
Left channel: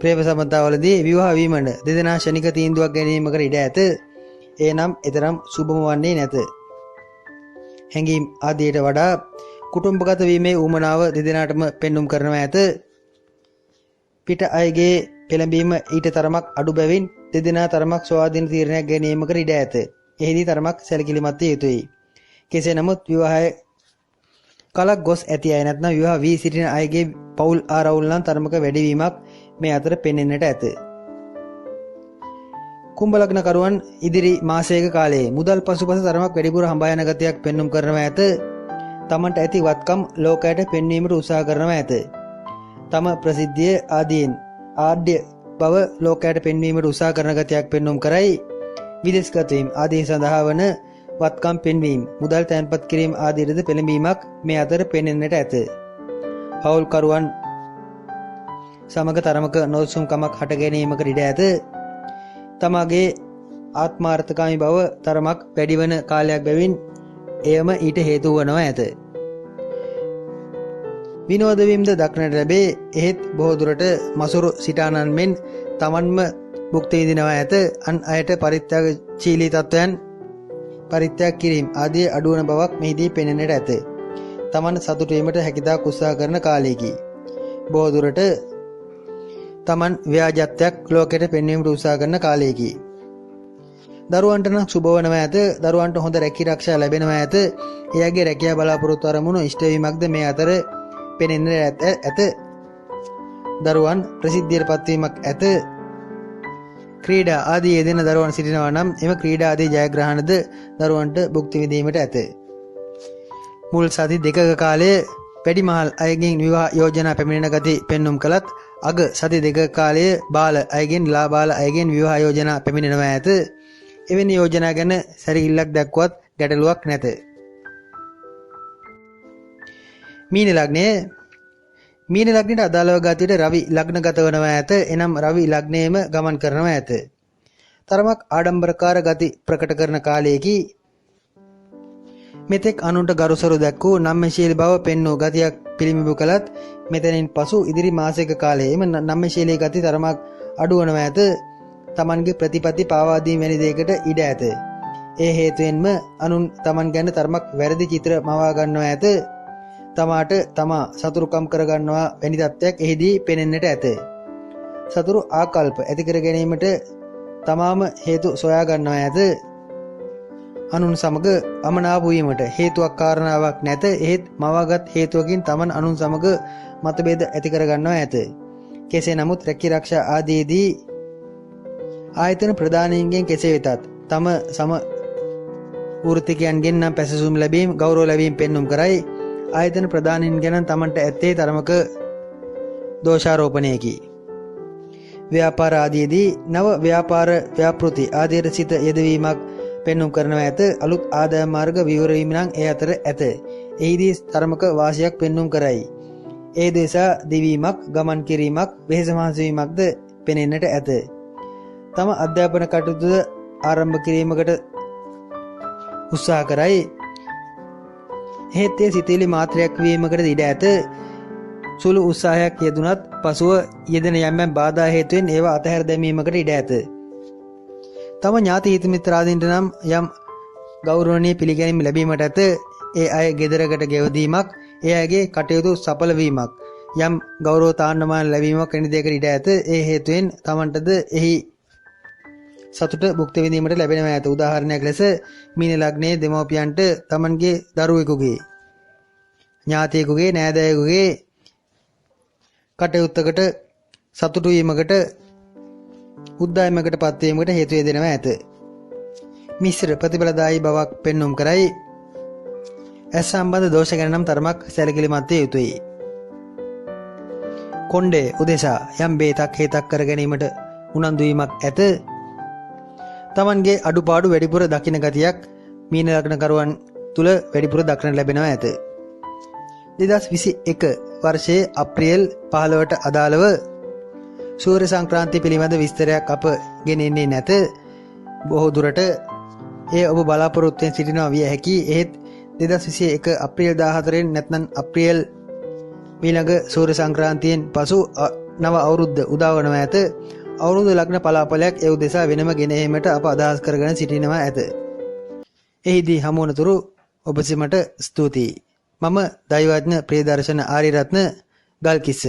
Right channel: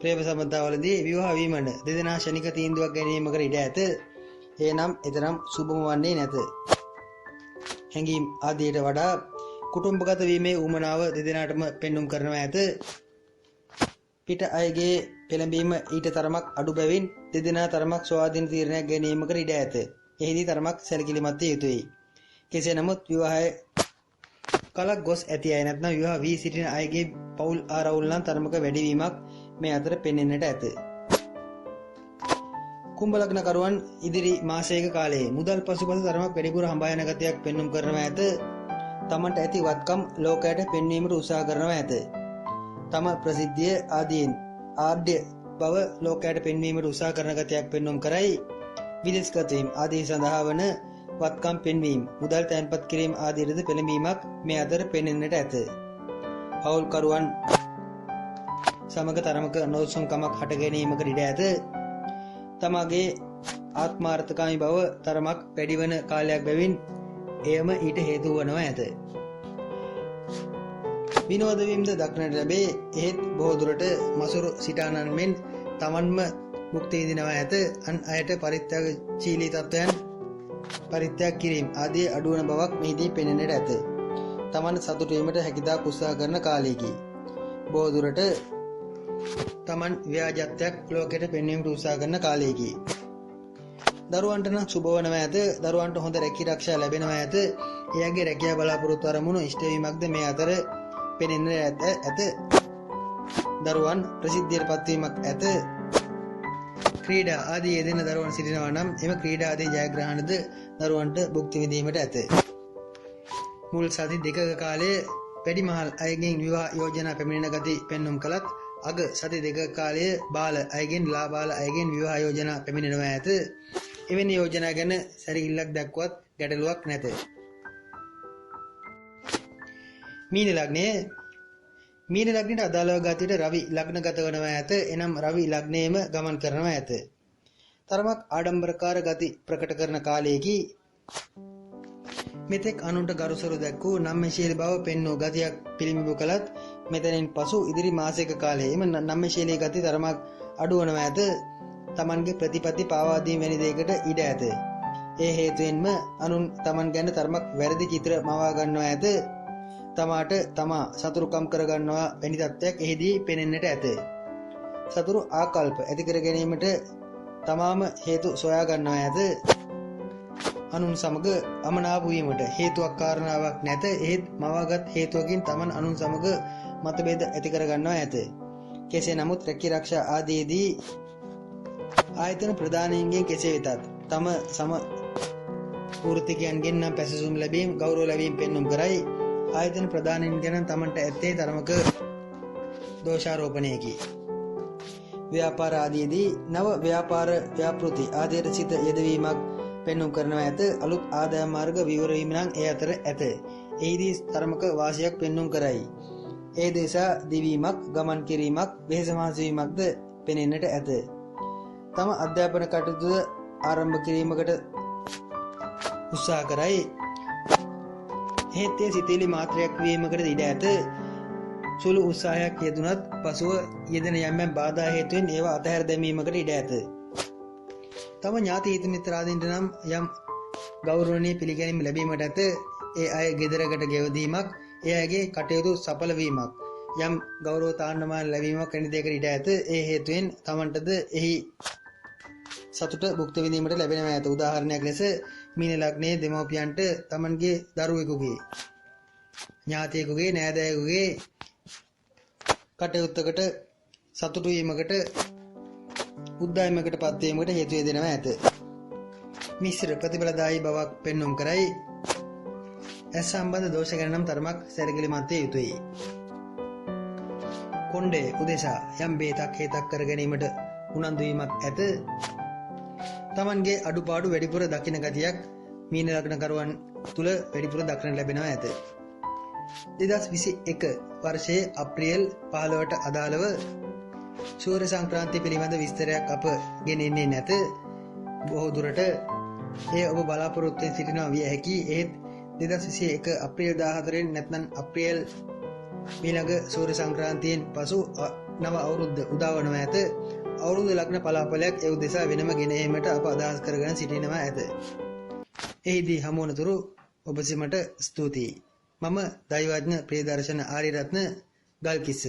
ප්‍රේම සම්බන්ධතාවලදී විවාහ වීමට දෙදෙනා ශනික තීන්දුවක් ගැනීමකට ඉඩ ඇත. එනම් එතරම් සුබම වන්නේ නැත. හැඟීම් ආදීට වඩා කුටුම්බගත වීමේ උවමනාව දෙදෙනාටම පෙන්눔 කරනවා ඇත. පිට අයගේ පෙළඹීම ඊට තරමක් අඩු බැවින් දෙදෙනා තරමක් ස්වාධීන තීරණයක් ගැනීමකට ඉඩ ඇත. එහිදී තරමක් සැලකිලිමත් විය යුතුයි. කෙසේ නමුත් විවාහය කලක් ගොස් ඇති අය නැත්නම් විවාහ වී සිටින අයගේ පවුල් ආරවුල් නම් තරමක වැඩිවීමක් මේ අතර පෙනෙන්නට ඇත. කුම්භ ලග්නකරුවන් ඉදිරි මාසයක කාලයේ මුදල් පසුපස තරමක් වැඩිපුර හඹා යන ගතියක් පෙන්눔 කරනවා ඇත. තමන්ට ඇති වත්කම් ලෝකයට පෙන්වීමට උත්සාහ කරනවා ඇත. තම ප්‍රසිද්ධිය ආදීන් ආඩ්‍ය බව ලෝකයට පෙන්වීමට උත්සාහ කරන ගතියක් පෙන්눔 කරයි. විදේශගත වීම ආදී සඳහා වන වත්කම් පෙන්වීම මුදල් තැන්පත් කිරීම ආදීද පෙළඹීමක් මේ අතර පෙනෙන්නට ඇත. හවුල්කරුවන් සමග තරමක නොසුම්කමක් හට ගැනීමකට ඉඩ ඇත. තමාගේ ආත්මාර්ථකාමී බව තරමක් වැඩිවන කාලයක් බැවින් එයම ඊට හේතු වනවා ඇත. විනෝද වීමද දක්නට ලැබේ. එහෙත් බොහෝ දුරට මසුරු සිටානන් මෙන් තමන්ම භුක්ති විඳිනවා ඇත. අන් අයට පරිත්‍යාගශීලී තත්වයන් පරිත්‍යාග කිරීම ආදී අඩුවන බවක් මෙහිදී පෙනෙන්නට ඇත. තමන් සතුටු වීමට හැකියතාක් උත්සාහ කරන කාලයකි. බොහෝ දුරට තමන් ව්‍යාජත්වයක් ලෝකයට පෙන්වීමට උත්සාහ කරන කාලයකි. දරුවන්ට නම් සුබ වනවා ඇත. දරුවන්ට හොඳ රැකී ආරක්ෂා ලැබෙනවා ඇත. එයාගේ රැකියාව බලාපොරොත්තු අරමුණු ඉෂ්ට වීමක්ද මේ අතර පෙනෙන්නට ඇත. දරුවන් ප්‍රසිද්ධියට පත්වීමක් ඇත. ක්‍රීඩා ආදී යෙදෙන දරුවන් සිටිනවා නම් එම ක්‍රීඩා ආදී ජයග්‍රහණද දරුවන්ට භුක්ති විඳීමට ඇත. මුල් සති දෙකක කාලයේ වැඩිමහල් අයගෙන් විවාහ යෝජනා පැමිණෙන ගති පෙන්눔 කළත් අග සති දෙක කාලයේ බාල අයගෙන් ලාබාල අයගෙන් විවාහ යෝජනා පැමිණෙනවා ඇත. එවැනි යෝජනා ගැන සැරකිල්ලක් දක්වත් ගැටලුවක් නැත. මීන ලග්නය. මීන ලග්නයට අදාළව ගතයට රවි ලග්නගත වනවා ඇත. එනම් රවි ලග්නයේම ගමන් කරනවා ඇත. තරමක් ආඩම්බරකාර ගති ප්‍රකට කරන කාලයකි. මෙතෙක් අනුන්ට ගරුසරු දැක්වූ නම්‍යශීලී බව පෙන්වූ ගතියක් පිළිඹු කළත් මෙතනින් පසු ඉදිරි මාසයක කාලයේ එම නම්‍යශීලී ගති තරමක් අඩු වනවා ඇත. තමන්ගේ ප්‍රතිපත්ති පාවා දීම වැනි දෙයකට ඉඩ ඇත. ඒ හේතුවෙන්ම අනුන් තමන් ගැන තරමක් වැරදි චිත්‍ර මවා ගන්නවා ඇත. තමාට තමා සතුරුකම් කරගන්නවා වැනි තත්ත්වයක් එහිදී පෙනෙන්නට ඇත. සතුරු ආකල්ප ඇති කර ගැනීමට තමාම හේතු සොයා ගන්නවා ඇත. අනුන් සමග අමනාප වීමට හේතුවක් කාරණාවක් නැත. එහෙත් මවාගත් හේතුවකින් තමන් අනුන් සමග මතභේද ඇති කර ගන්නවා ඇත. කෙසේ නමුත් රැකී ආරක්ෂා ආදීදී ආයතන ප්‍රධානීන්ගෙන් කෙසේ වෙතත් තම සම වෘත්තිකයන්ගෙන් නම් පැසසුම් ලැබීම ගෞරව ලැබීම පෙන්눔 කරයි. ආයතන ප්‍රධානීන් ගැන තමන්ට ඇත්තේ තරමක දෝෂාරෝපණයකි. ව්‍යාපාර ආදීදී නව ව්‍යාපාර ව්‍යාපෘති ආදීට සිත යෙදවීමක් පෙන්눔 කරනවා ඇත. අලුත් ආදායම් මාර්ග විවර වීම නම් ඒ අතර ඇත. එහිදී තරමක වාසියක් පෙන්눔 කරයි. ඒ දේශා දිවීමක් ගමන් කිරීමක් වෙහෙස මහන්සි වීමක්ද පෙනෙන්නට ඇත. තම අධ්‍යාපන කටයුතු ආරම්භ කිරීමකට උත්සාහ කරයි. එහෙත් ඒ සිතේලි මාත්‍රයක් වීමකට ඉඩ ඇත. සුළු උත්සාහයක් යෙදුනත් පසුව යෙදෙන යම් බාධා හේතුවෙන් ඒවා අතහැර දැමීමකට ඉඩ ඇත. තම ඥාති හිත මිත්‍රාදීන්ට නම් යම් ගෞරවණීය පිළිගැනීම ලැබීමට ඇත. ඒ අය ගෙදරකට ගෙවදීමක්, ඒ අයගේ කටයුතු සඵල වීමක්, යම් ගෞරව තාන්නමාන ලැබීමක් වැනි දෙයකට ඉඩ ඇත. ඒ හේතුවෙන් තමන්ටද එහි සතුට භුක්ති විඳීමට ලැබෙනවා ඇත. උදාහරණයක් ලෙස මීන ලග්නයේ දෙමව්පියන්ට තමන්ගේ දරුවෙකුගේ, ඥාතියෙකුගේ, නෑදෑයෙකුගේ කටයුත්තකට සතුටු වීමකට, උද්දාමයකට පත්වීමකට හේතු වෙනවා ඇත. මිශ්‍ර ප්‍රතිඵලදායී බවක් පෙන්눔 කරයි. ඇස් සම්බන්ධ දෝෂ ගැන නම් තරමක් සැලකිලිමත් විය යුතුයි. කොණ්ඩේ උදෙසා යම් බේතක් හේතක් කර ගැනීමට උනන්දු වීමක් ඇත. තමන්ගේ අඩුපාඩු වැඩිපුර දකින ගතියක් මීන ලග්නකරුවන් තුල වැඩිපුර දක්නට ලැබෙනවා ඇත. 2021 වර්ෂයේ අප්‍රේල් 15ට අදාළව සූර්ය සංක්‍රාන්තිය පිළිබඳ විස්තරයක් අප ගෙනෙන්නේ නැත. බොහෝ දුරට ඒ ඔබ බලාපොරොත්තුෙන් සිටිනවා විය හැකි. එහෙත් 2021 අප්‍රේල් 14 නැත්නම් අප්‍රේල් මීළඟ සූර්ය සංක්‍රාන්තියෙන් පසු නව අවුරුද්ද උදා වනවා ඇත. අවුරුදු ලග්න පලාපලයක් ඒ උදෙසා වෙනම ගෙන ඒමට අප අදහස් කරගෙන සිටිනවා ඇත. එහිදී හමු වනතුරු ඔබ සිමට ස්තුතියි. මම දෛවඥ ප්‍රියදර්ශන ආරියරත්න ගල්කිස්ස.